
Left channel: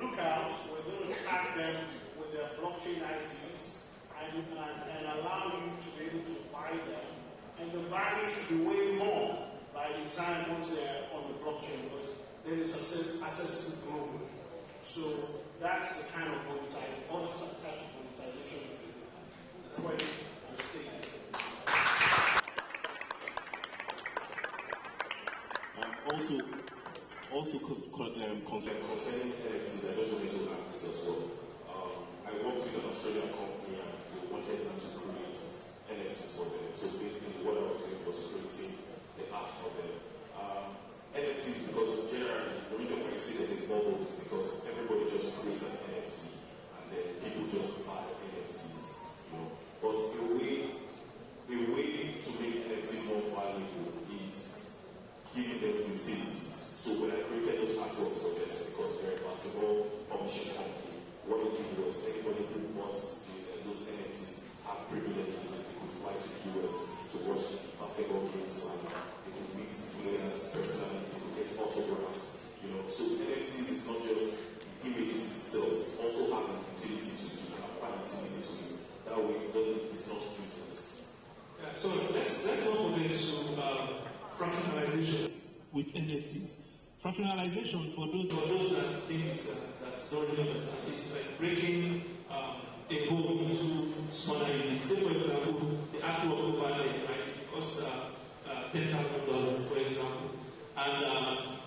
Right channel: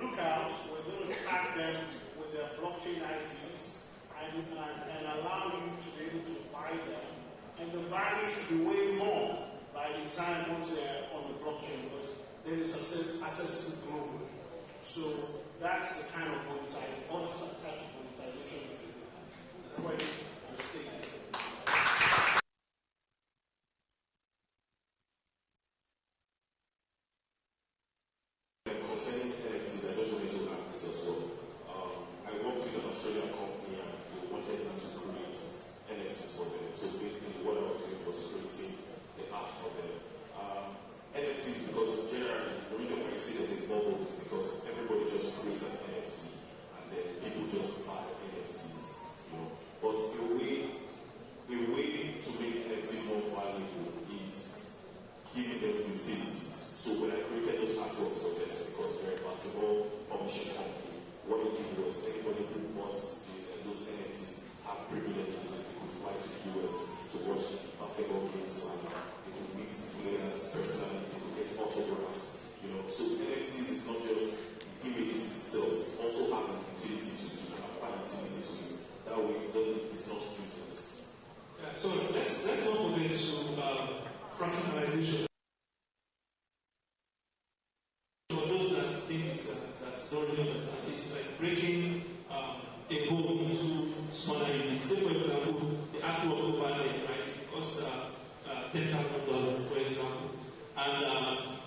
look out. We're going to tag them with their blockchain IDs and allow you to be able to buy them. And the value should be way more by the time once they're on the blockchain, because then it's accessible globally. So that's the kind of monetization, other types of monetization that we do. The credit and staking. Concerning NFTs, I just wanted to add this as well. I worked with an Australian company and they wanted me to create NFTs for them. So basically what I was doing was creating the art for them. NFTs, because generally, the reason why you see there's a bubble is because everybody just creates an NFT and then people just buy NFTs. But a way to make NFT more valuable is giving them utilities. So when I created those artworks for them, because they're a basketball publishing company, what they did was anybody who wants those NFTs have privileges, like they could fly to the US to watch basketball games live, they could meet the players personally, they could get autographs. So NFTs is not just images itself, it also has an utility to it, an applied utility to it. That way it's not useless. Yeah, so let's go forget to fractionalization with NFTs. Fractionalization, for those that think that don't really understand, is like breaking a whole into smaller units. Say, for example, the artwork over there, right? It costs $10,000, for example, and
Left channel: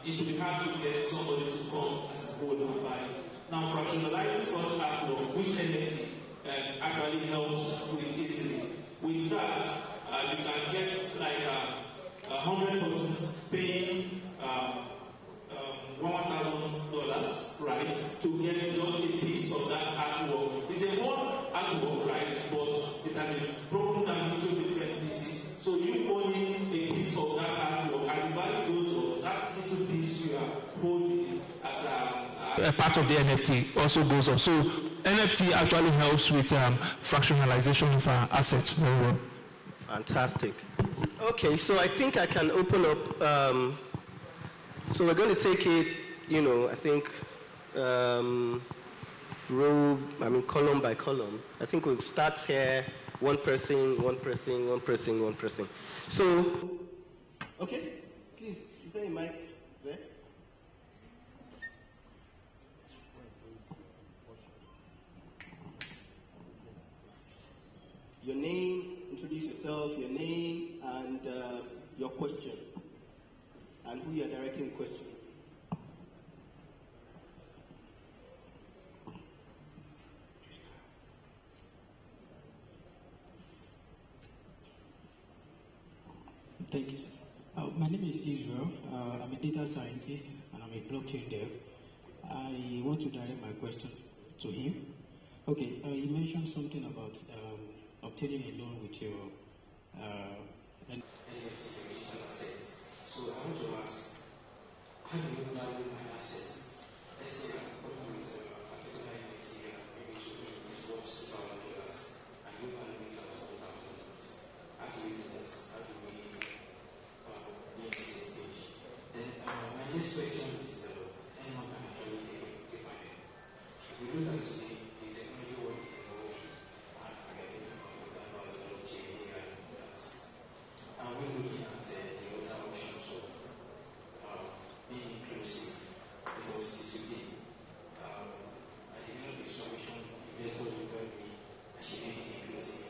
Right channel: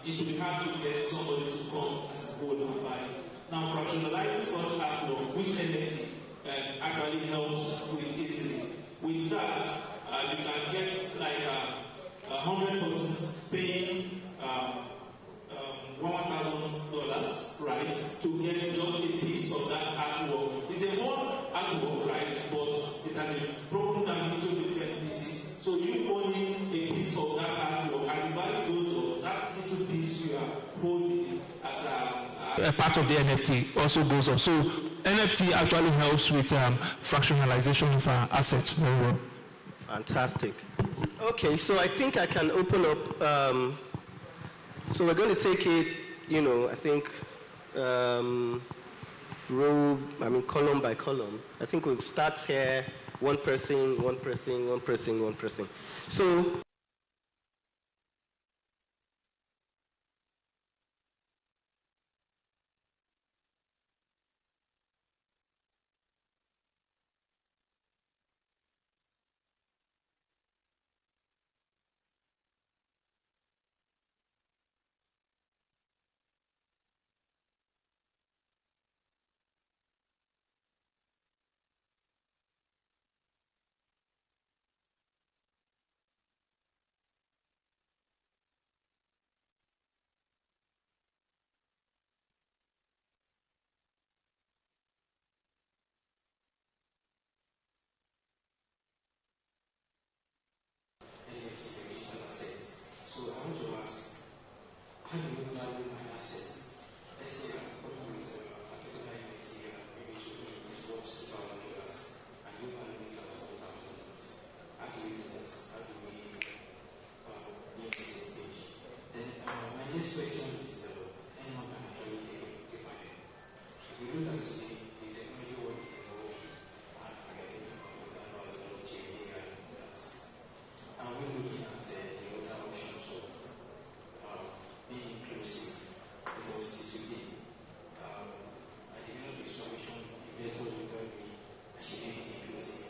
it will be hard to get somebody to come as a whole and buy it. Now, fractionalizing such artwork, which NFT actually helps with easily. With that, you can get like 100 persons paying $1,000, right, to get just a piece of that artwork. It's a whole artwork, right, but it has been broken down into different pieces. So you owning a piece of that artwork, as the value goes up, that little piece you are holding as a part of the NFT also goes up. So NFT actually helps with fractionalization of our assets very well. Fantastic. Okay, so I think I can open up. So we're going to take it, I think, column by column. I think we'll start here, one person. So, okay, please, is there a mic there? Your name, introduce yourself, your name, and your question, and who you are directing the question. Thank you, sir. My name is Israel. I'm a data scientist and I'm a blockchain dev. I want to direct my question to him. Okay, you mentioned something about obtaining a loan with your NFT digital assets. So I want to ask, how do you value my assets? Let's say I'm coming with a particular NFT, maybe to me is worth $2,000, and you value it at $4,000. How do we do that? How do we be on the same page? Then my next question is, anyone can actually take on it. If we look at the technology world is evolving, and we are talking about blockchain, AI, and all that. And we're looking at the other options of being inclusive, because today, at the end of the solution, investors will tell me I should be inclusive.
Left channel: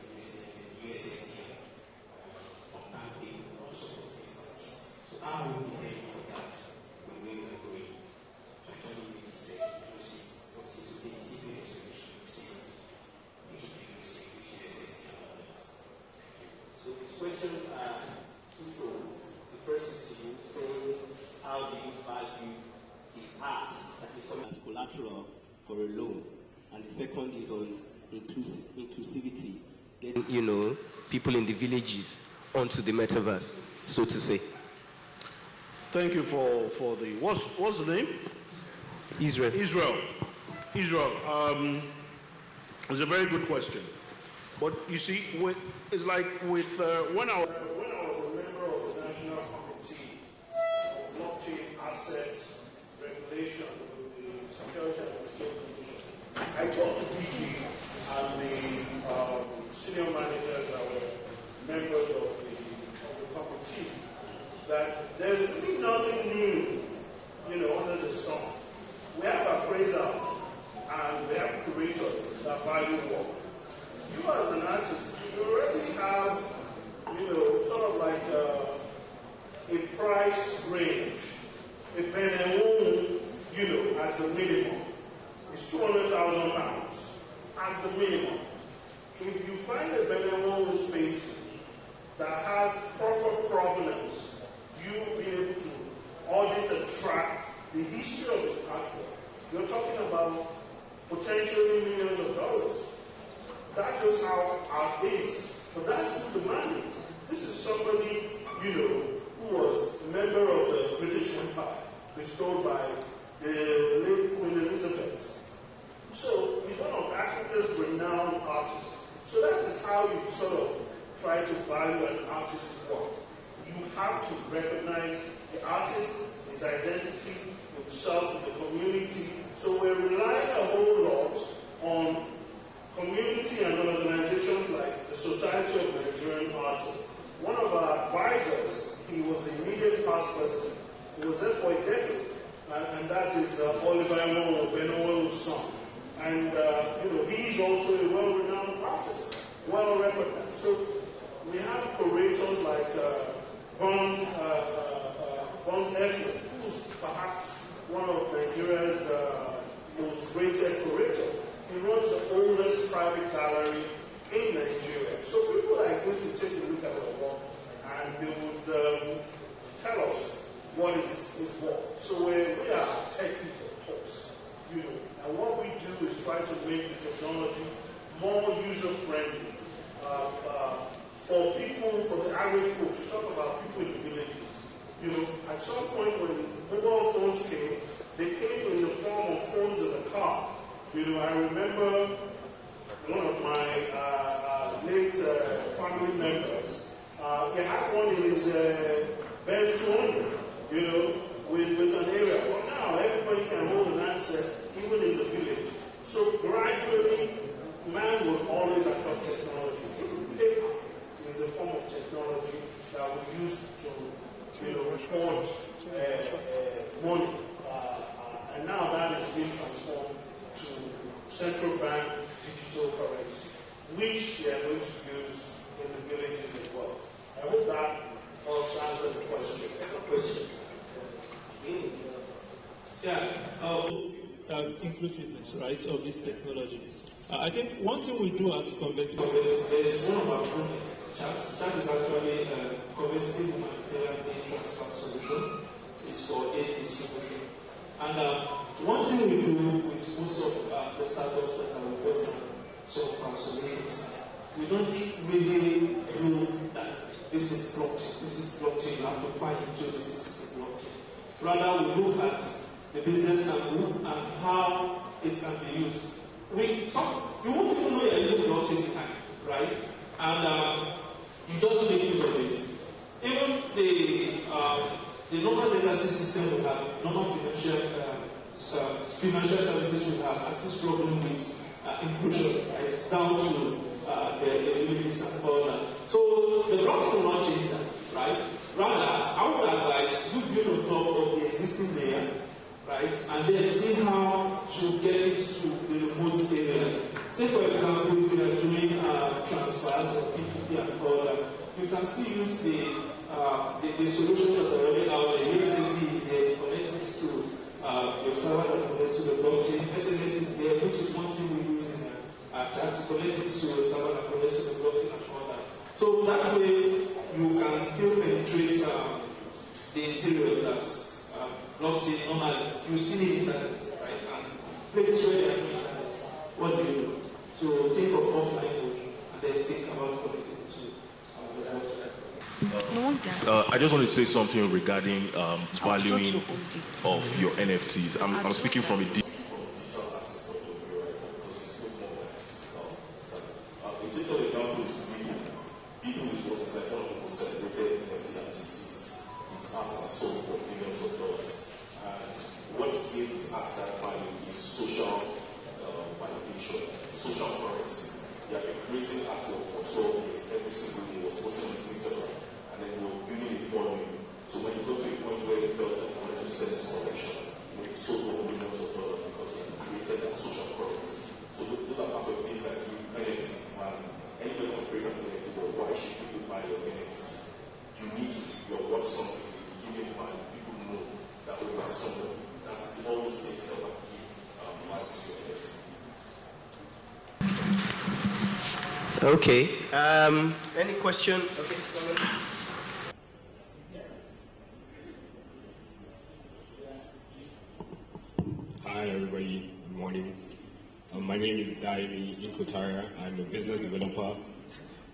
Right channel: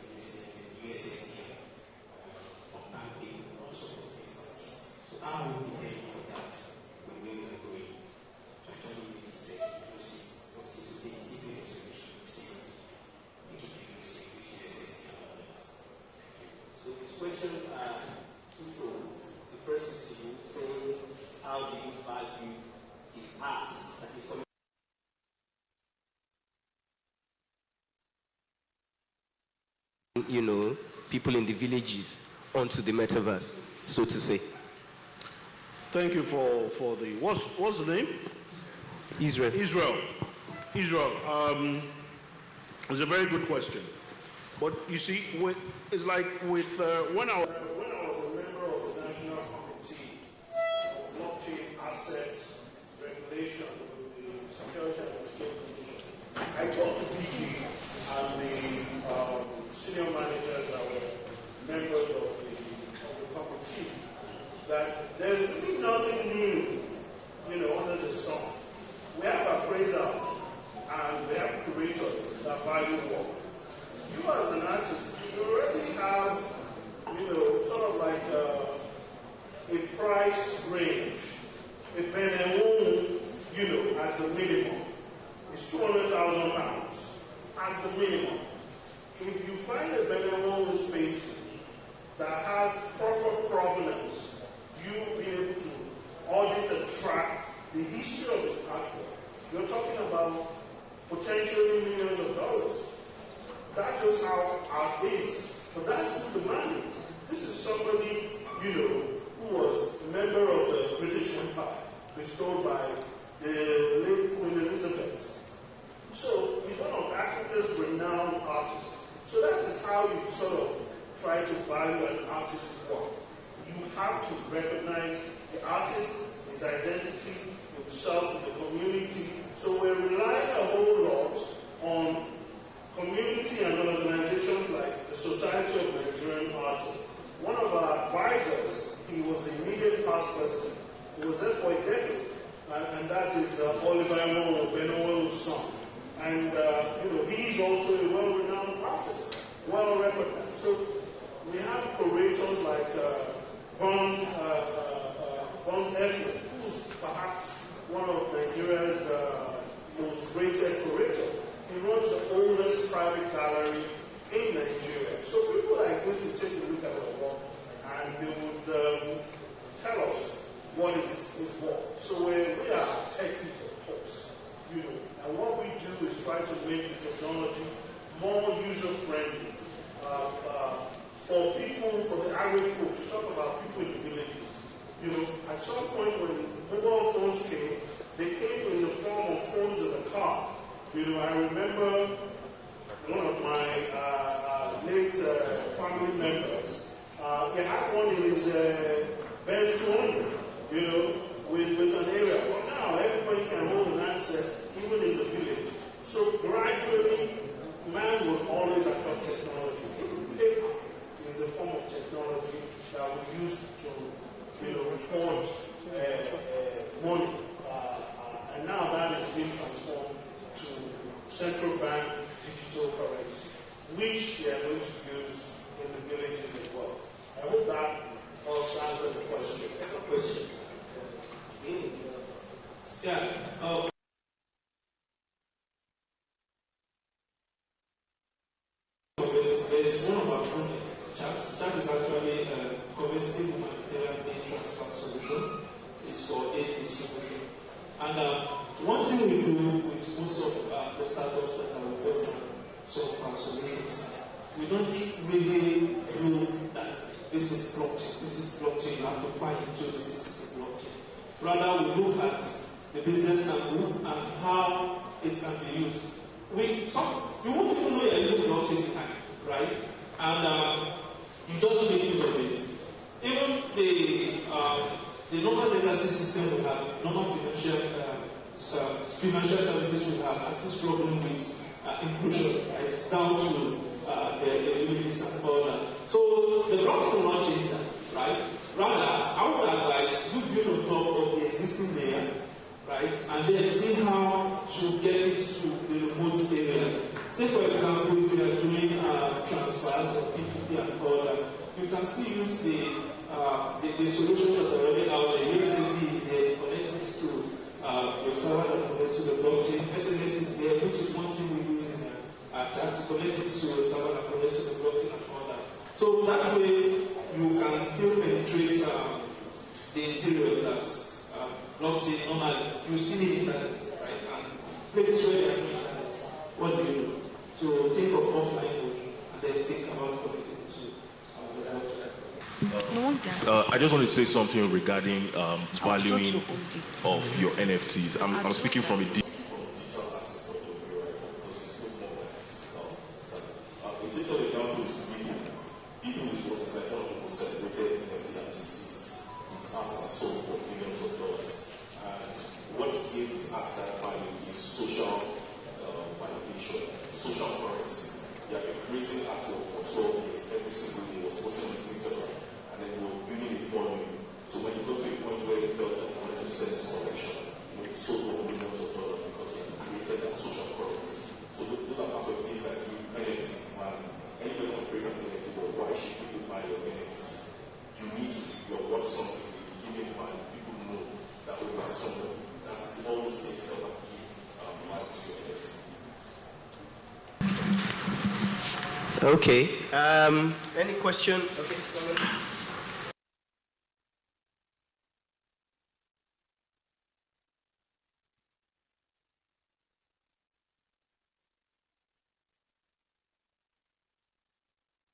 for a loan. And the second is on inclusivity, getting, people in the villages onto the metaverse, so to say. Thank you for the, what's the name? Israel. Israel. It's a very good question. But you see, it's like with, when I was a member of the National Committee of Blockchain Assets Regulation with the Security and Exchange Commission, I talked to DG and the senior managers that were members of the committee that there's really nothing new, under the sun. We have appraisals and we have curators that value work. You as an artist, you already have, sort of like a price range. A penny, at the minimum, is £200,000 at the minimum. If you find a penny painting that has proper provenance, you'll be able to audit and track the history of his artwork. You're talking about potentially millions of dollars. That's just how art is. But that's who the man is. This is somebody, who was a member of the British Empire, bestowed by the late Queen Elizabeth. So he's one of Africa's renowned artists. So that is how you sort of try to value an artist's work. You have to recognize the artist, his identity, himself, in the community. So we're relying a whole lot on community and organizations like the Society of Nigerian Artists. One of our advisors, he was the immediate past president. He was there for a decade, and that is Oliver Benowo's son. And he's also a well-renowned artist, well-recognized. So we have curators like Bonds Effort, who's perhaps one of Nigeria's most rated curators. He runs the oldest private gallery in Nigeria. So people like this will take a look at our work and they would tell us what is what. So we are techies, of course, and what we do is try to make the technology more user-friendly for people, for the average folks. You talk about people in the villages. At some point when mobile phones came, they came in the form of phones in the car. I remember one of my late family members, he had one in his Benz 200, with an area. Well, now everybody can hold an handset, even in the village. So gradually, man will always adopt technology. Even paper is a form of technology that we use to, record money. And now that is being transformed to central bank digital currency, which they are going to use in the villages as well. I hope that helps answer the question. Inclusiveness, right, of this technology. I think one thing we do at Conversity, there's one of our projects, chat is actually a Conversity humanitarian aid transfer solution. It's for aid distribution. And one thing we do with most of the startups that are with us and some of our solutions, we don't really do that. This is blockchain, you have to buy into this is blockchain. Rather, we look at the business angle and how it can be used. You won't even know you're using blockchain behind, right? And you just make use of it. Even the normal legacy system we have, normal financial services we have, are still struggling with inclusion, right? Down to the villages and all that. So the blockchain will not change that, right? Rather, I would advise you build on top of the existing layer, right? And then see how to get it to the remote areas. Say, for example, if you are doing transfers or P2P and all that, you can still use the solutions that are already out there. USSD is there, connect it to your server that connects to the blockchain. SMS is there, which is one thing we use in chat to connect it to a server that connects to the blockchain and all that. So that way, you can still penetrate the interiors that blockchain normally, you still need internet, right? And places where they are doing that, what do you do? So think of offline only, and then think about connecting the two. I just wanted to say something regarding valuing of your NFTs. I'm speaking from a deep. A typical example is People is what is like one of the most celebrated NFT artists. His art has sold for millions of dollars. And what gives his art that value is social validation, social currency. They have been creating artwork for 12 years. Every single day was posting on his Instagram. And then he was building a following. So when he got to a point where he felt that he wanted to sell his collection, he sold for millions of dollars because he created that social currency. So those are part of things that give NFT value. Anybody can create an NFT, but why should people buy your NFT? You need to be your worth something. If you give it value, people know that we are someone. That's all those things that will give value to your NFT. Okay. Any question? Okay. Hi, everybody. Good morning. My name is Daimi Inkotara. I'm a business developer.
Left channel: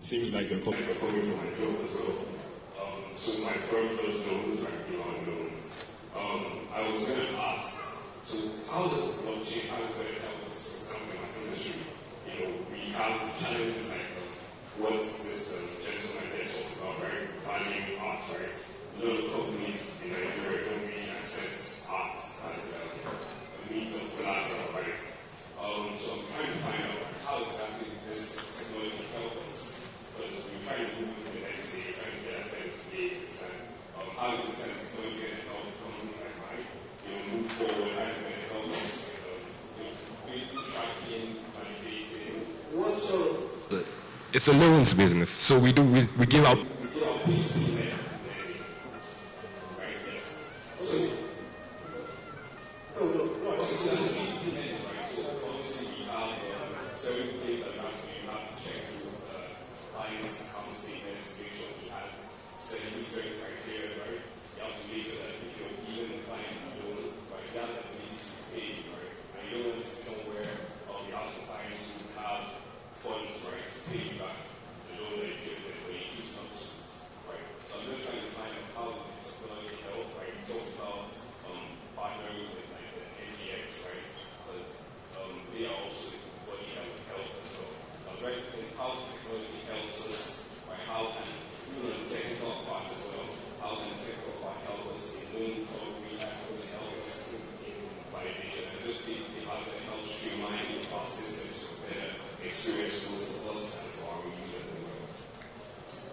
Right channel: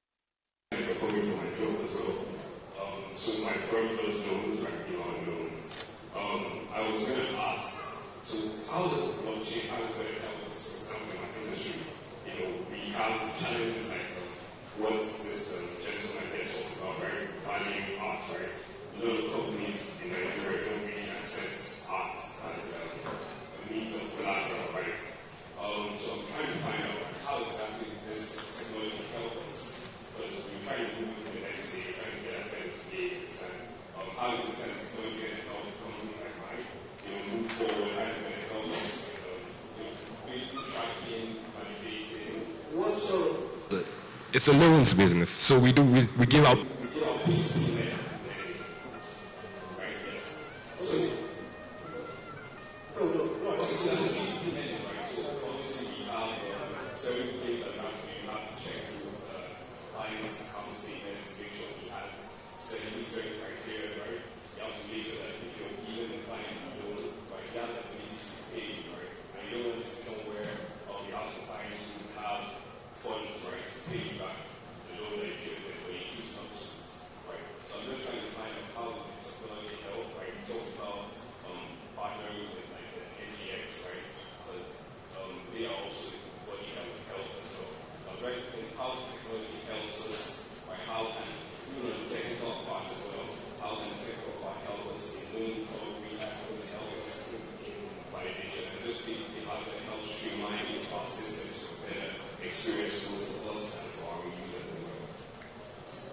Seems like you're coming from my job as well. So my firm does loans, like loans. I was going to ask, so how does blockchain, how is it going to help us, for example, in my industry? You know, we have challenges like what this gentleman there talks about, right? Valuing art, right? A lot of companies in Nigeria don't really accept art as a means of collateral, right? So I'm trying to find out how exactly this technology can help us. Because we're trying to move to the next stage, trying to get ahead of the game. How is this technology going to help companies like mine, move forward? How is it going to help us basically tracking, validating? What sort of? It's a loans business, so we give out.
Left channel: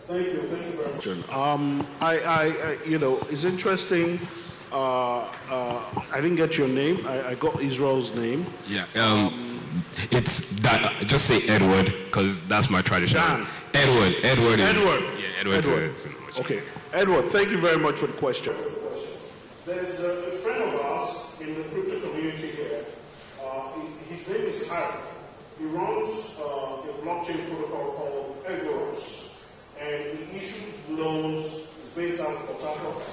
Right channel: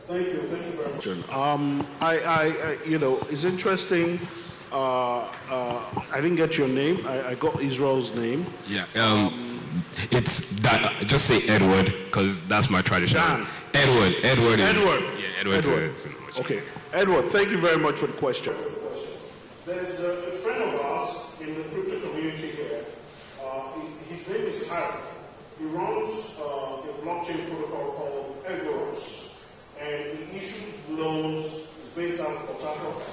Thank you very much. It's interesting. I didn't get your name. I got Israel's name. Yeah. It's that. Just say Edward, because that's my tradition. Dan. Edward. Edward. Yeah, Edward. Okay, Edward. Thank you very much for the question. There's a friend of ours in the crypto community here. His name is Harry. He runs a blockchain protocol called Egoros. And he issues loans. It's based out of Port Harcourt,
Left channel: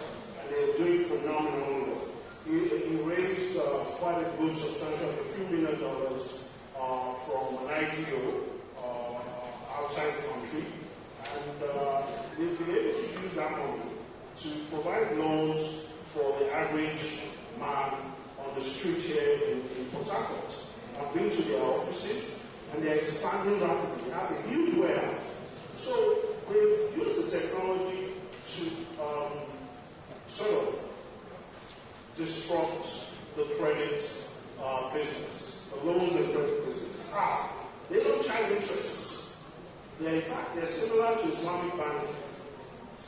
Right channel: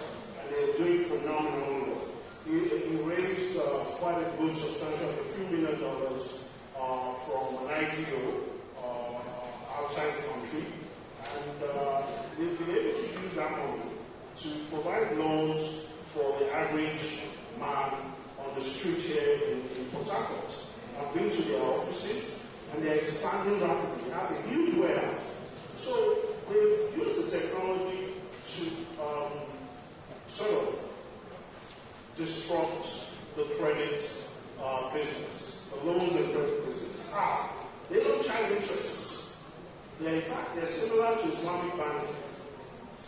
and they're doing phenomenal work. He raised quite a good, substantial, a few $1 million from an IPO outside the country, and they've been able to use that money to provide loans for the average man on the street here in Port Harcourt. I've been to their offices, and they're expanding rapidly. They have a huge warehouse. So they've used the technology to sort of disrupt the credit business, the loans and credit business. How? They don't charge interests. In fact, they're similar to Islamic bank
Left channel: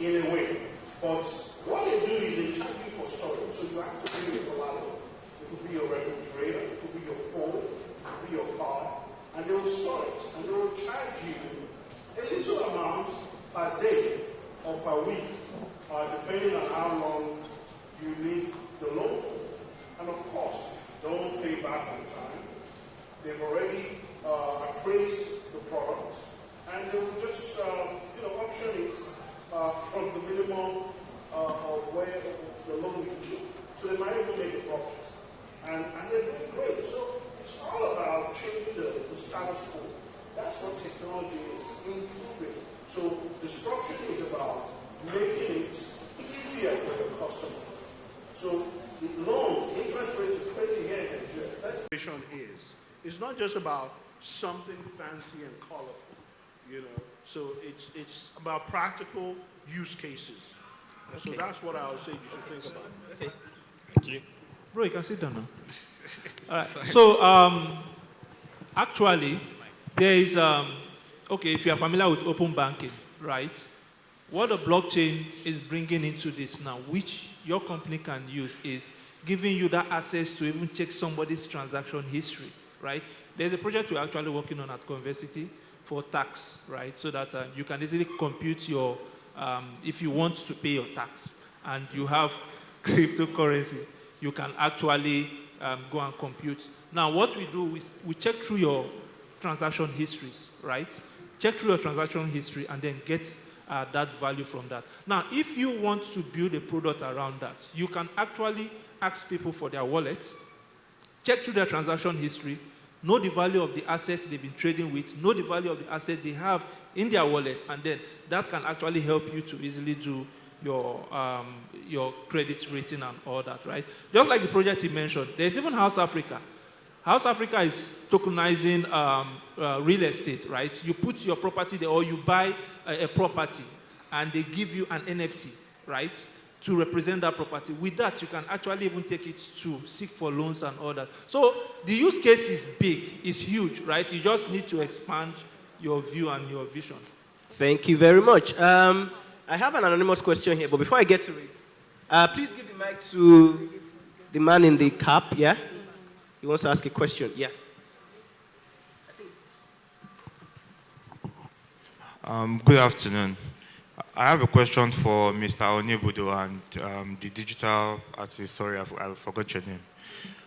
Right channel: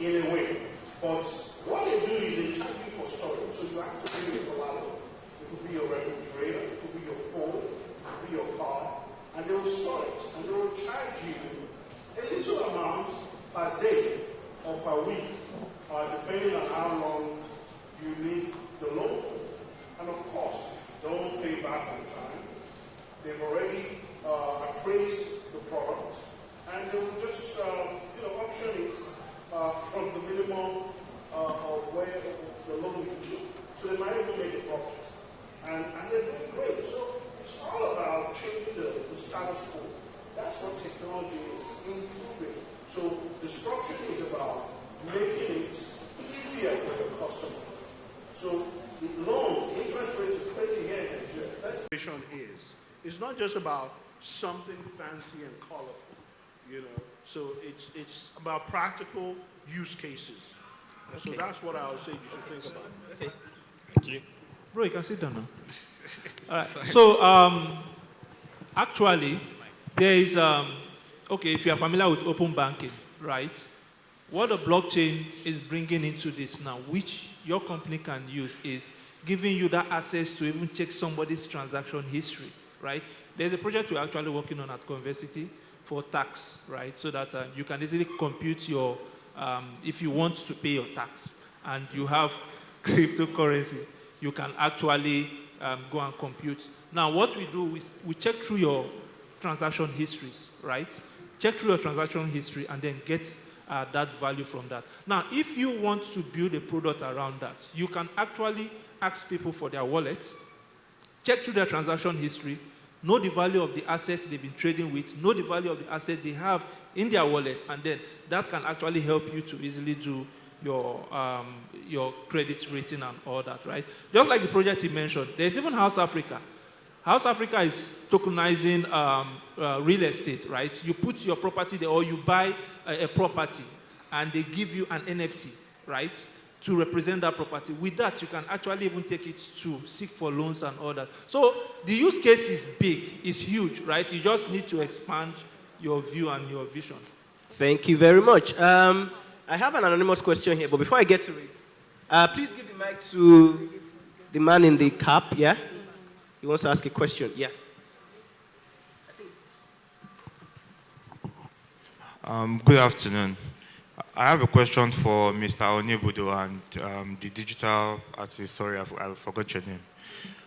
in a way. But what they do is they charge you for storage. So you have to bring your collateral. It could be your refrigerator, it could be your phone, it could be your car, and they will store it. And they will charge you a little amount per day or per week, depending on how long you need the loan for. And of course, if you don't pay back on time, they've already appraised the product, and they will just auction it from the minimum of where the loan you took. So they might even make a profit. And they're doing great. So That's what technology is, improving. So disruption is about making it easier for your customers. So the loans, interest rates are crazy here in Nigeria. That's what innovation is. It's not just about something fancy and colorful, you know. So it's about practical use cases. Okay. So that's what I would say you should think about. Okay. Thank you. Bro, you can sit down now. All right. So actually, there is okay, if you are familiar with open banking, right? What the blockchain is bringing into this now, which your company can use, is giving you that access to even check somebody's transaction history, right? There's a project we're actually working on at Conversity for tax, right? So that you can easily compute your, if you want to pay your tax and you have cryptocurrency, you can actually go and compute. Now, what we do is we check through your transaction histories, right? Check through your transaction history and then get that value from that. Now, if you want to build a product around that, you can actually ask people for their wallets, check through their transaction history, know the value of the assets they've been trading with, know the value of the assets they have in their wallet, and then that can actually help you to easily do your credit rating and all that, right? Just like the project you mentioned, there's even House Africa. House Africa is tokenizing real estate, right? You put your property there, or you buy a property, and they give you an NFT, right, to represent that property. With that, you can actually even take it to seek for loans and all that. So the use case is big, it's huge, right? You just need to expand your view and your vision. Thank you very much. I have an anonymous question here, but before I get to it, please give the mic to the man in the cap, yeah? He wants to ask a question, yeah. Good afternoon. I have a question for Mr. Onibudo and the digital artist. Sorry, I forgot your name.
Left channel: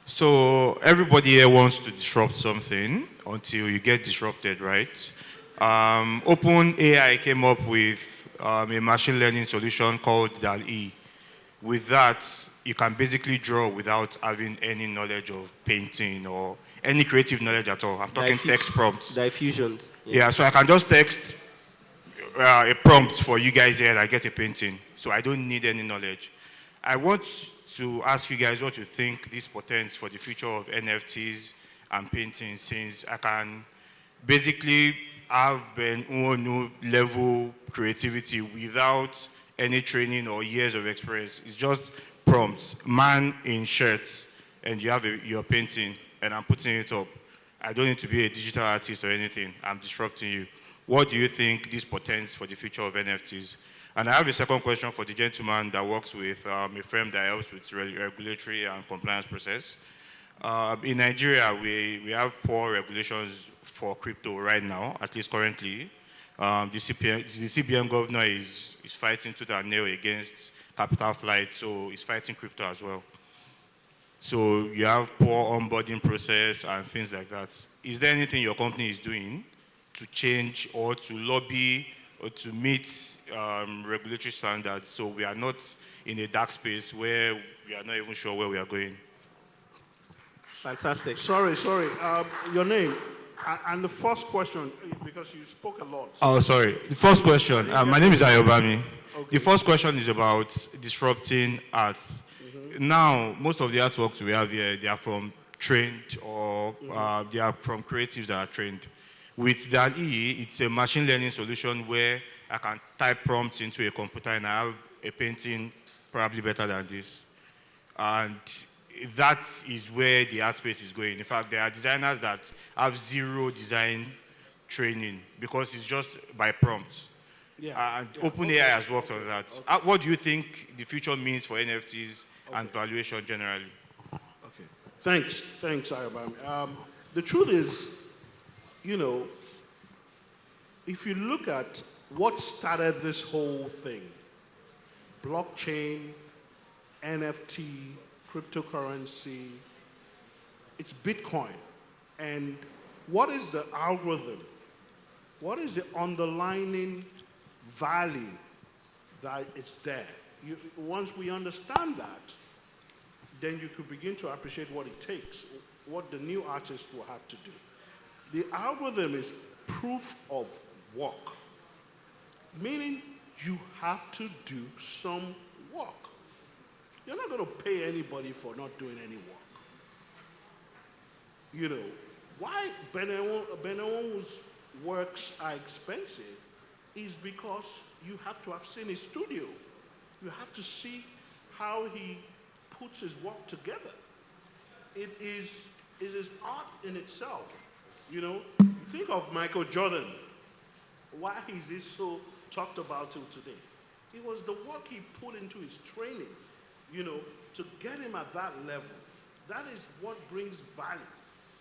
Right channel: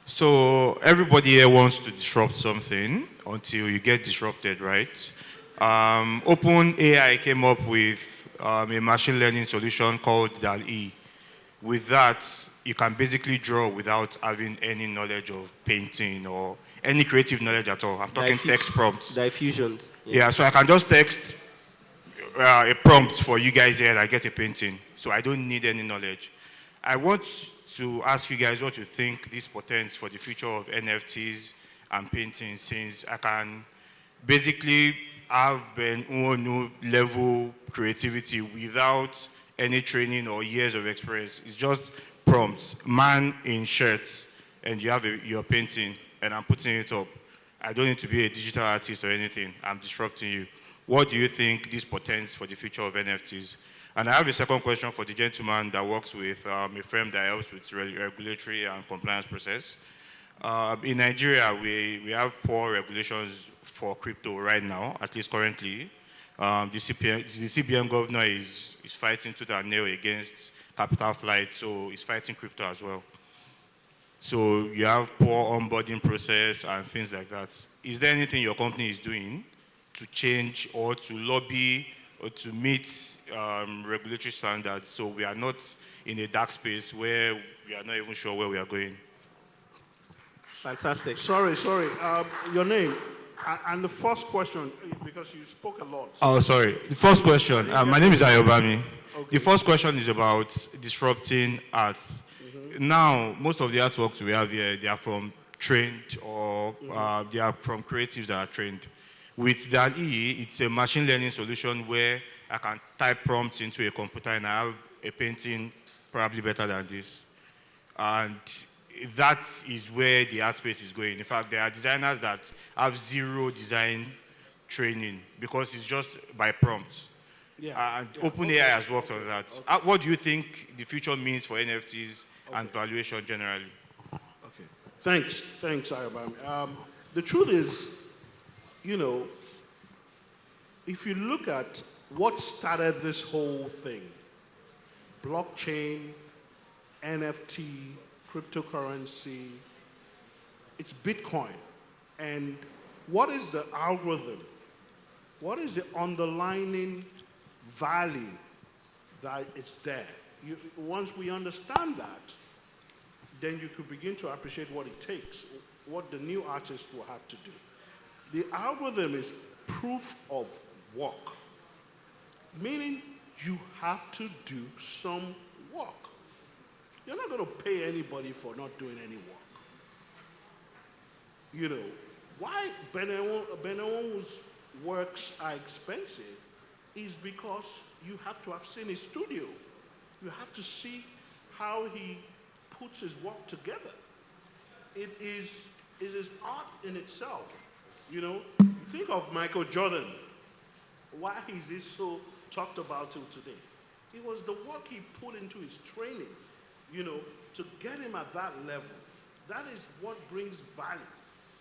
So everybody here wants to disrupt something until you get disrupted, right? OpenAI came up with a machine learning solution called DAL-E. With that, you can basically draw without having any knowledge of painting or any creative knowledge at all. I'm talking text prompts. Diffusions. Yeah, so I can just text a prompt for you guys here and I get a painting. So I don't need any knowledge. I want to ask you guys what you think this portends for the future of NFTs and painting, since I can basically have an level creativity without any training or years of experience. It's just prompts, man in shirts, and you have your painting, and I'm putting it up. I don't need to be a digital artist or anything. I'm disrupting you. What do you think this portends for the future of NFTs? And I have a second question for the gentleman that works with a firm that helps with regulatory and compliance process. In Nigeria, we have poor regulations for crypto right now, at least currently. The CBN governor is fighting tooth and nail against capital flight, so he's fighting crypto as well. So you have poor onboarding process and things like that. Is there anything your company is doing to change or to lobby or to meet regulatory standards so we are not in a dark space where we are not even sure where we are going? Fantastic. Sorry. Your name and the first question, because you spoke a lot. Oh, sorry. The first question. My name is Ayobami. Okay. The first question is about disrupting art. Mm-hmm. Now, most of the artworks we have here, they are from trained or they are from creatives that are trained. With DAL-E, it's a machine learning solution where I can type prompts into a computer and I have a painting probably better than this. And that is where the art space is going. In fact, there are designers that have zero design training because it's just by prompts. Yeah. And OpenAI has worked on that. Okay. What do you think the future means for NFTs and valuation generally? Okay. Thanks, Ayobami. The truth is, you know, if you look at what started this whole thing, blockchain, NFT, cryptocurrency, it's Bitcoin. And what is the algorithm? What is the underlying value that is there? Once we understand that, then you could begin to appreciate what it takes, what the new artist will have to do. The algorithm is proof of work, meaning you have to do some work. You're not going to pay anybody for not doing any work. You know, why Benewon's works are expensive is because you have to have seen his studio. You have to see how he puts his work together. It is his art in itself. You know, you think of Michael Jordan. Why is he so talked about till today? It was the work he put into his training, you know, to get him at that level. That is what brings value.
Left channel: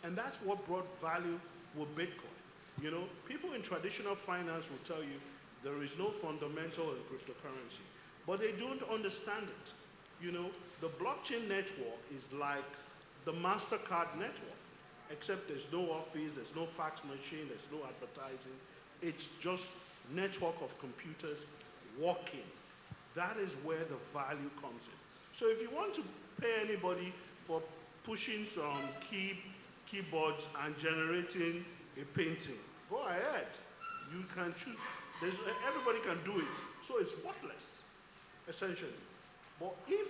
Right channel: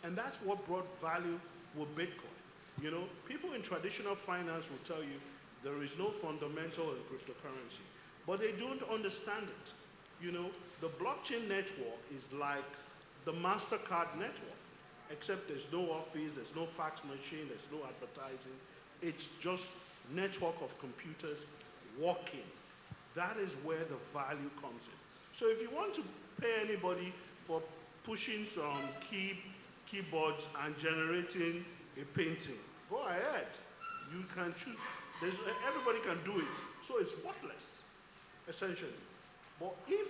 And that's what brought value with Bitcoin. You know, people in traditional finance will tell you there is no fundamental in cryptocurrency, but they don't understand it. You know, the blockchain network is like the MasterCard network, except there's no office, there's no fax machine, there's no advertising. It's just network of computers working. That is where the value comes in. So if you want to pay anybody for pushing some keyboards and generating a painting, go ahead. You can choose. Everybody can do it. So it's worthless, essentially. But if,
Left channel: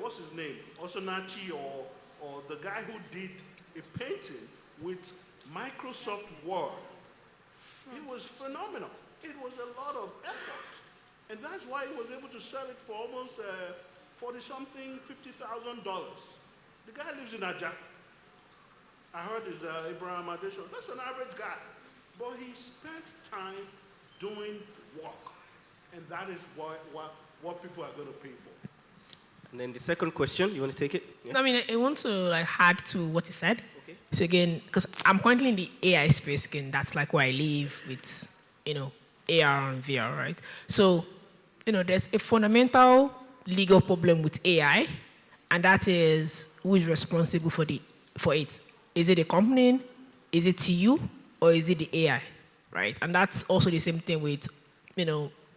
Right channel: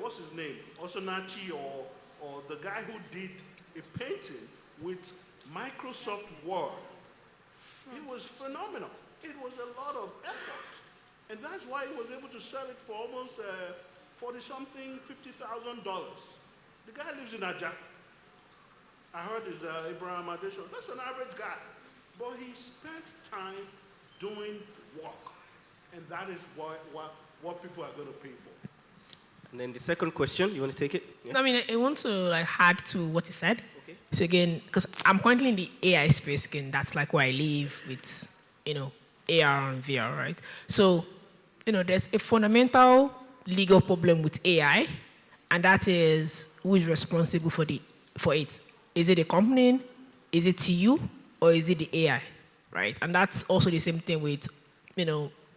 what's his name, Osinachi or the guy who did a painting with Microsoft Word, it was phenomenal. It was a lot of effort. And that's why he was able to sell it for almost 40-something, $50,000. The guy lives in Aja. I heard is Abraham Adesho. That's an average guy. But he spent time doing work. And that is what people are going to pay for. And then the second question, you want to take it? Yeah. I mean, I want to add to what he said. Okay. So again, because I'm currently in the AI space again, that's like where I live with, AR and VR, right? So, there's a fundamental legal problem with AI, and that is who is responsible for it. Is it the company? Is it you? Or is it the AI, right? And that's also the same thing with,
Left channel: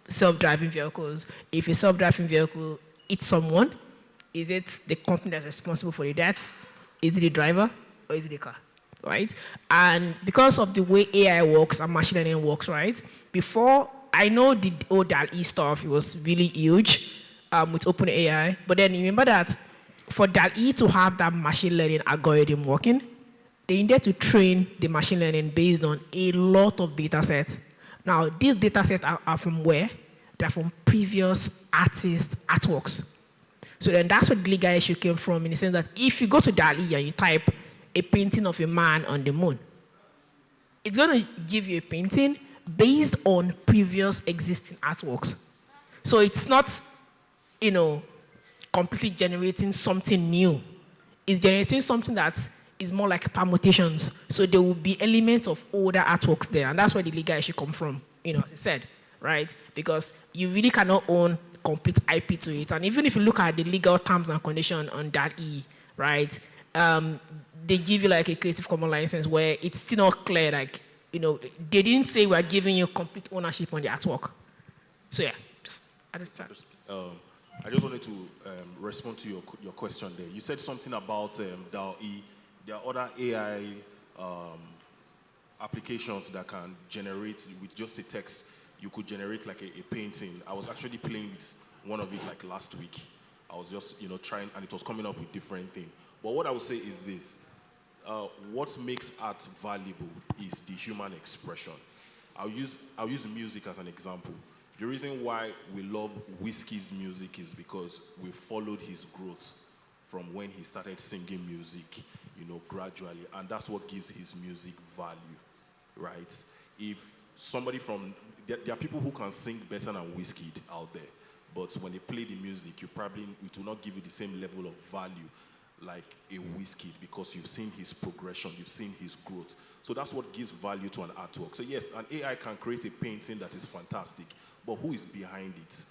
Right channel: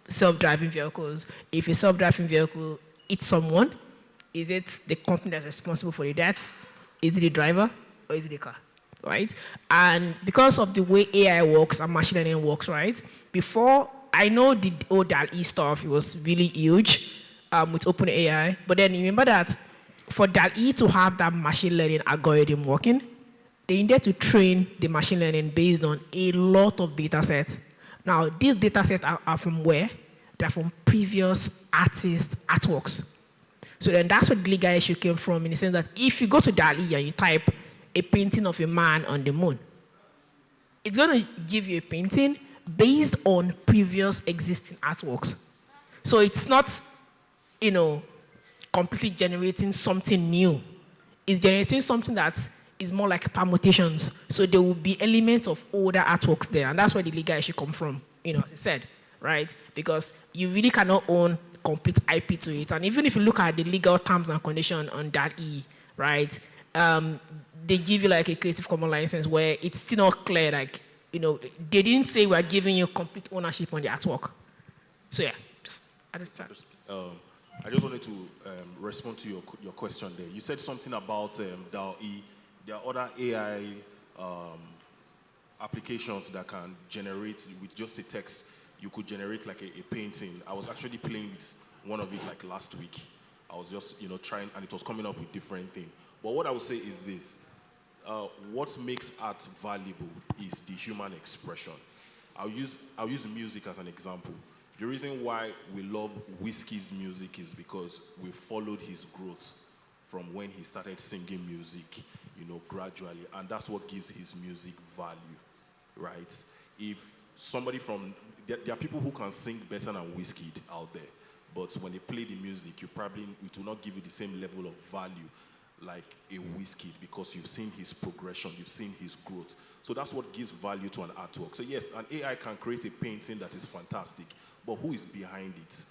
self-driving vehicles. If a self-driving vehicle hits someone, is it the company that's responsible for the death? Is it the driver? Or is it the car, right? And because of the way AI works and machine learning works, right? Before, I know the old DAL-E stuff, it was really huge with OpenAI. But then remember that for DAL-E to have that machine learning algorithm working, they needed to train the machine learning based on a lot of data sets. Now, these data sets are from where? They're from previous artists' artworks. So then that's where the legal issue came from, in the sense that if you go to DAL-E and you type a painting of a man on the moon, it's going to give you a painting based on previous existing artworks. So it's not, completely generating something new. It's generating something that is more like permutations. So there will be elements of older artworks there, and that's where the legal issue comes from, as I said, right? Because you really cannot own complete IP to it. And even if you look at the legal terms and conditions on DAL-E, right, they give you like a Creative Commons license where it's still not clear, like, they didn't say we're giving you complete ownership on the artwork. So yeah, I just wanted to respond to your question there. You said something about DAL-E. There are other AI applications that can generate with just a text. You could generate like a painting. I was actually playing with one of it like last week. I was just trying, and it was coming up with different things. But what I would say is this: what makes art valuable is the human expression. I'll use music as an example. The reason why we love Whiskey's music is because we followed his growth from when he started singing music, gradually, and that's what gives his music value, right? If somebody there are people who can sing better than Whiskey out there, but when they play the music, it will not give you the same level of value like a Whiskey, because you've seen his progression, you've seen his growth. So that's what gives value to an artwork. So yes, an AI can create a painting that is fantastic, but who is behind it?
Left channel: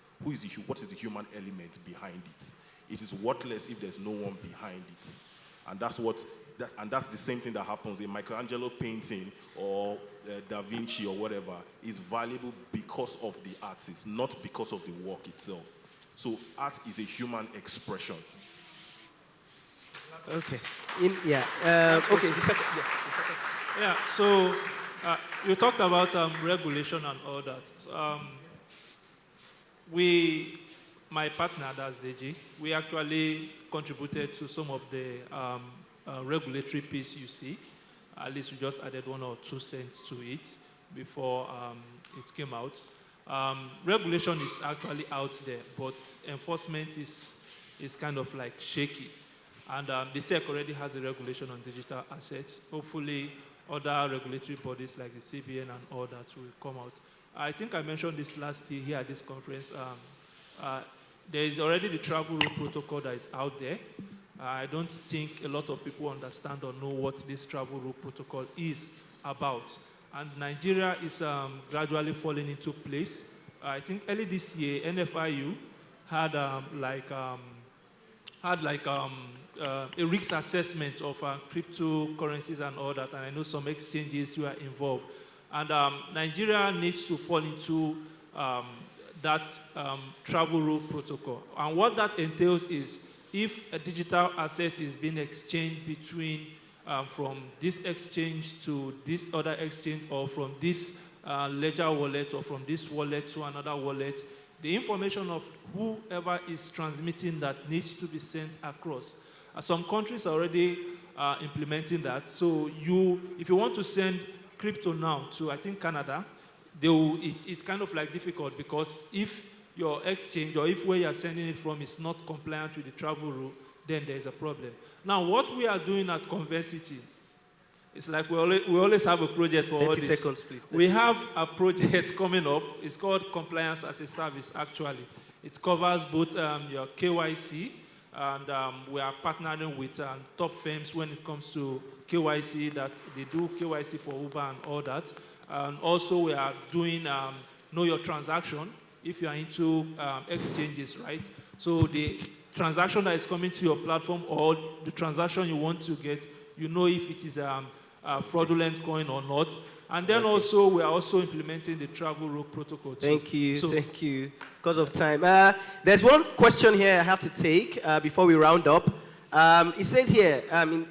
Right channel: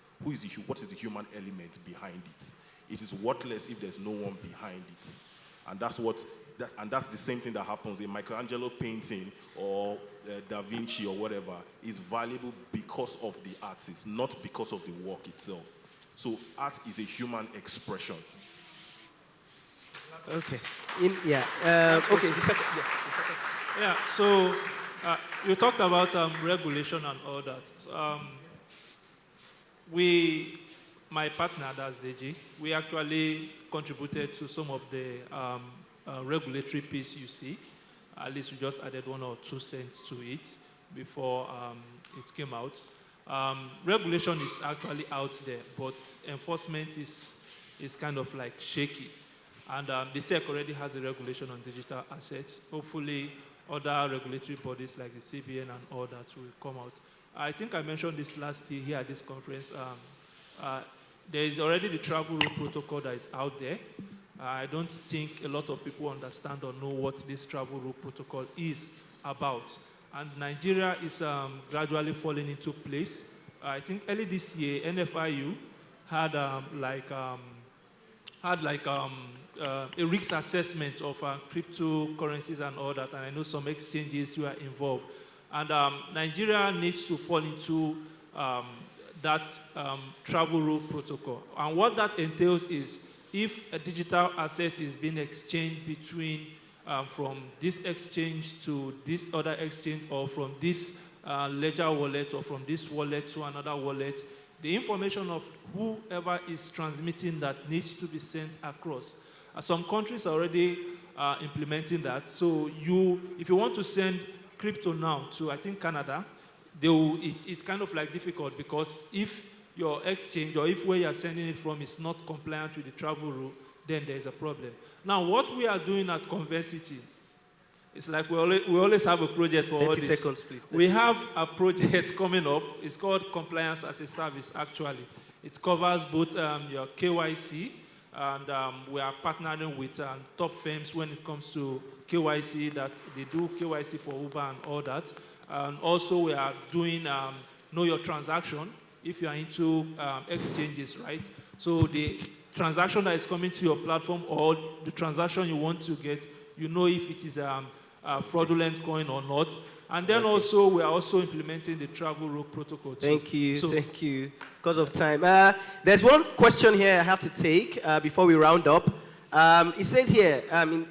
What is the human element behind it? It is worthless if there's no one behind it. And that's the same thing that happens in Michelangelo painting or Da Vinci or whatever. Is valuable because of the artist, not because of the work itself. So art is a human expression. Okay. Okay. The second. Yeah, so you talked about regulation and all that. My partner, that's DG, we actually contributed to some of the regulatory piece you see. At least we just added 1 or 2 cents to it before it came out. Regulation is actually out there, but enforcement is kind of like shaky. And the SEC already has a regulation on digital assets. Hopefully, other regulatory bodies like the CBN and all that will come out. I think I mentioned this last year here at this conference. There is already the travel rule protocol that is out there. I don't think a lot of people understand or know what this travel rule protocol is about. And Nigeria is gradually falling into place. I think early this year, NFIU had a risk assessment of cryptocurrencies and all that, and I know some exchanges were involved. And Nigeria needs to fall into that travel rule protocol. And what that entails is if a digital asset is being exchanged between from this exchange to this other exchange, or from this ledger wallet, or from this wallet to another wallet, the information of whoever is transmitting that needs to be sent across. Some countries are already implementing that. So if you want to send crypto now to, I think, Canada, it's kind of like difficult, because if your exchange or if where you're sending it from is not compliant with the travel rule, then there's a problem. Now, what we are doing at Conversity, it's like we always have a project for all this. 30 seconds, please. We have a project coming up. It's called Compliance as a Service, actually. It covers both your KYC, and we are partnering with top firms when it comes to KYC, that they do KYC for Uber and all that. And also we are doing Know Your Transaction, if you are into exchanges, right? So the transaction that is coming to your platform, or the transaction you want to get, you know if it is a fraudulent coin or not. And then also, we are also implementing the travel rule protocol too. Thank you, thank you. Because of time. There's one question here I have to take before we round up. It says here, in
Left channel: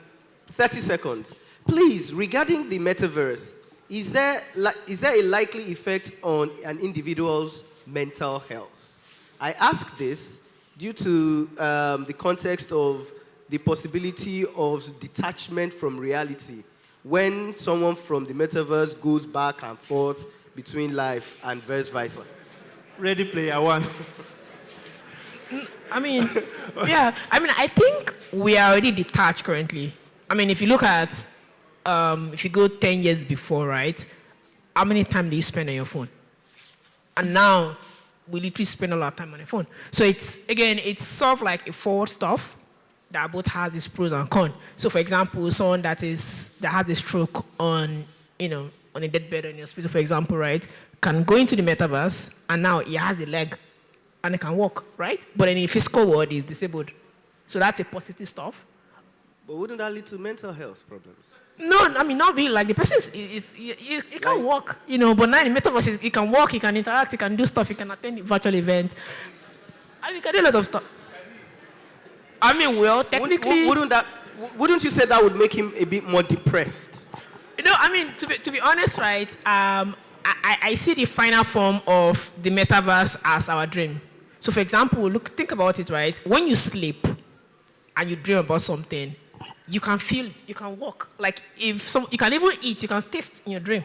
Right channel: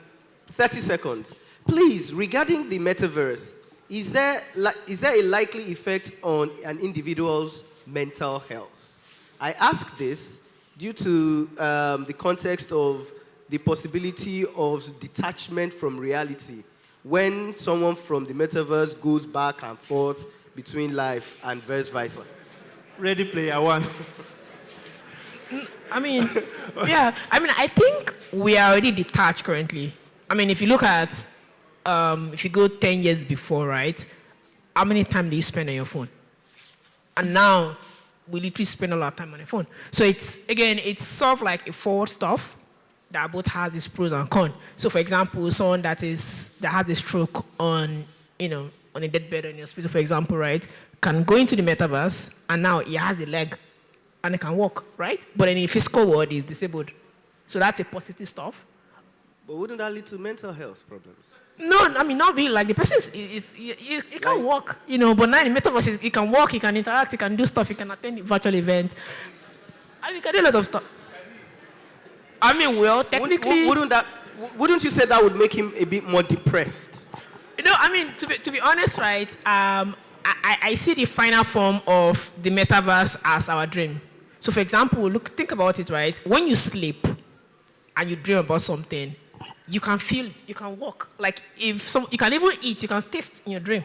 30 seconds, please, regarding the metaverse, is there a likely effect on an individual's mental health? I ask this due to the context of the possibility of detachment from reality when someone from the metaverse goes back and forth between life and vice versa. Ready Player One. I mean, yeah, I think we are already detached currently. I mean, if you look at, if you go 10 years before, right, how many time do you spend on your phone? And now, we literally spend a lot of time on the phone. So it's sort of like a forward stuff that both has its pros and cons. So for example, someone that has a stroke on a deathbed in your hospital, for example, right, can go into the metaverse, and now he has a leg and he can walk, right? But in the physical world, he's disabled. So that's a positive stuff. But wouldn't that lead to mental health problems? No, I mean, not being like the person he can walk, but now in the metaverse, he can walk, he can interact, he can do stuff, he can attend virtual events. I mean, he can do a lot of stuff. I mean, well, technically... Wouldn't you say that would make him a bit more depressed? I mean, to be honest, right, I see the final form of the metaverse as our dream. So, for example, think about it, right? When you sleep and you dream about something, you can feel, you can walk. Like, you can even eat, you can taste in your dream.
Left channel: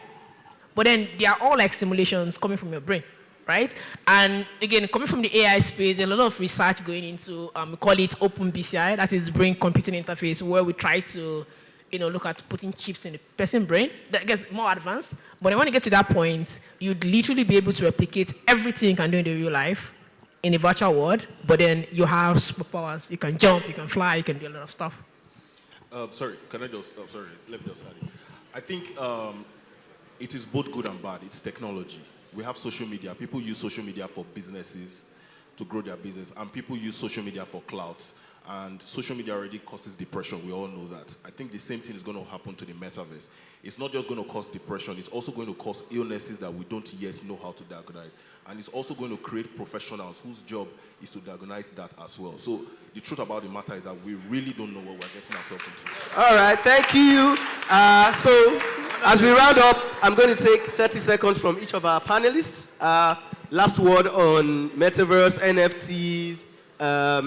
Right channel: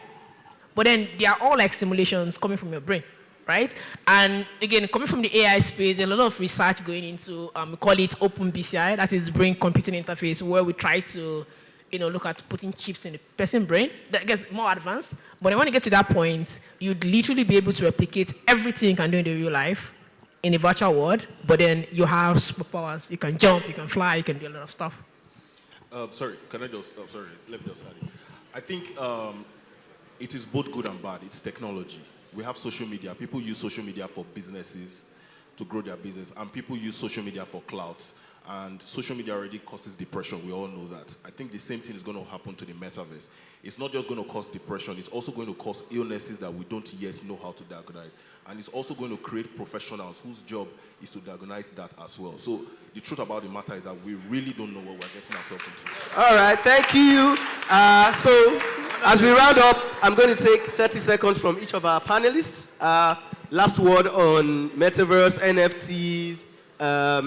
But then they are all like simulations coming from your brain, right? And again, coming from the AI space, a lot of research going into, we call it open BCI, that is brain computing interface, where we try to, look at putting chips in the person's brain. That gets more advanced. But then when you get to that point, you'd literally be able to replicate everything you can do in the real life in the virtual world, but then you have superpowers. You can jump, you can fly, you can do a lot of stuff. Sorry, let me just add it. I think it is both good and bad. It's technology. We have social media. People use social media for businesses to grow their business, and people use social media for clout. And social media already causes depression. We all know that. I think the same thing is going to happen to the metaverse. It's not just going to cause depression. It's also going to cause illnesses that we don't yet know how to diagnose. And it's also going to create professionals whose job is to diagnose that as well. So the truth about the matter is that we really don't know what we're getting ourselves into. All right, thank you. So as we round up, I'm going to take 30 seconds from each of our panelists. Last word on metaverse, NFTs, AR,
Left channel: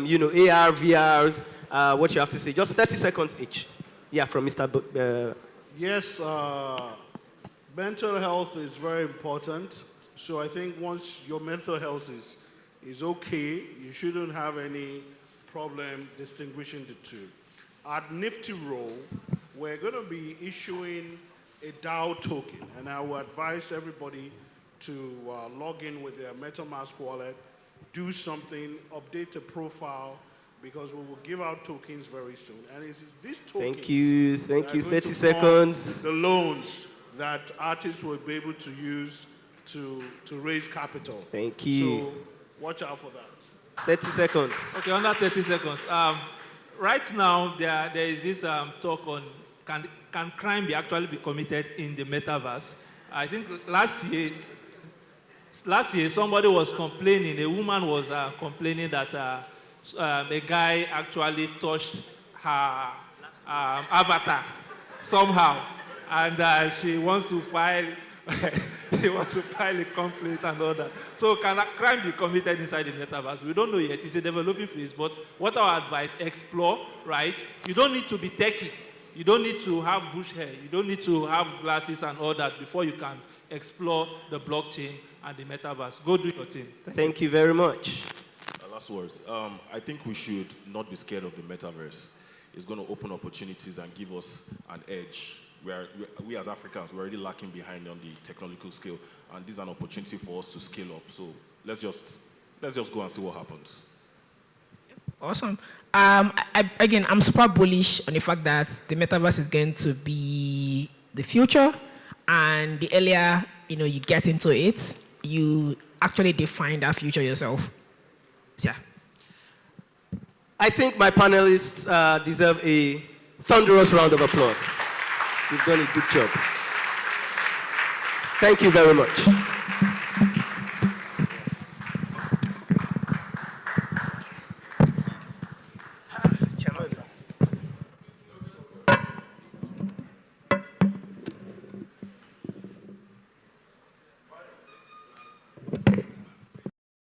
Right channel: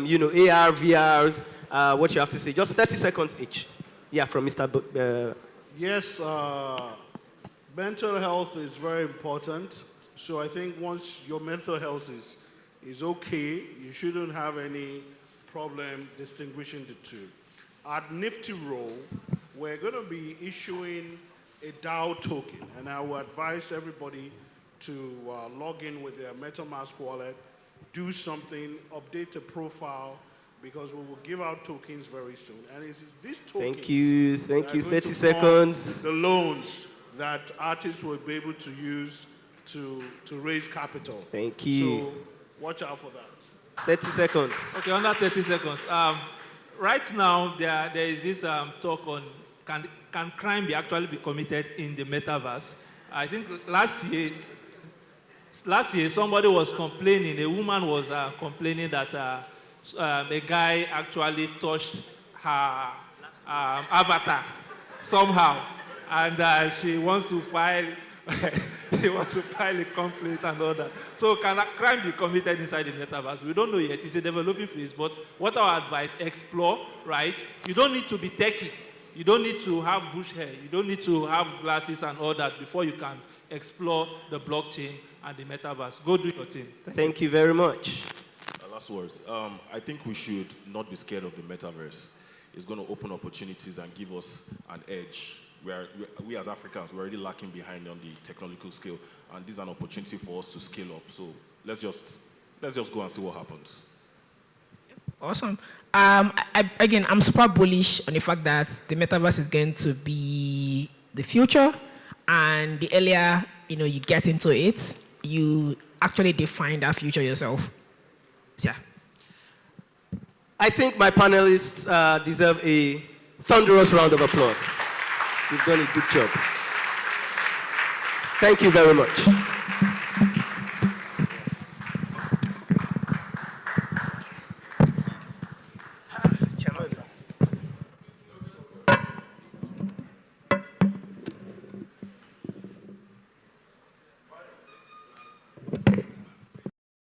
VRs, what you have to say. Just 30 seconds each. Yeah, from Mr. Yes, mental health is very important. So I think once your mental health is okay, you shouldn't have any problem distinguishing the two. At Nifty Roll, we're going to be issuing a DAO token, and I will advise everybody to log in with their MetaMask wallet, do something, update a profile, because we will give out tokens very soon. And it is this token. Thank you. 30 seconds. The loans that artists will be able to use to raise capital. Thank you. So watch out for that. 30 seconds. Okay, under 30 seconds. Right now, there is this talk on can crime actually be committed in the metaverse? I think last year somebody was complaining, a woman was complaining that a guy actually touched her avatar somehow, and she wants to file a complaint and all that. So can a crime be committed inside the metaverse? We don't know yet. It's a developing phase, but what our advice, explore, right? You don't need to be techie. You don't need to have bush hair. You don't need to have glasses and all that before you can explore the blockchain and the metaverse. Go do your thing. Thank you very much. Last words. I think we should not be scared of the metaverse. It's going to open opportunities and give us an edge. We as Africans, we're already lacking behind on the technological scale, and this is an opportunity for us to scale up. So let's just go and see what happens. Awesome. I'm super bullish on the fact that the metaverse is going to be the future, and the earlier you get into it, you actually define that future yourself. Yeah. I think my panelists deserve a thunderous round of applause. You've done a good job. Thank you very much.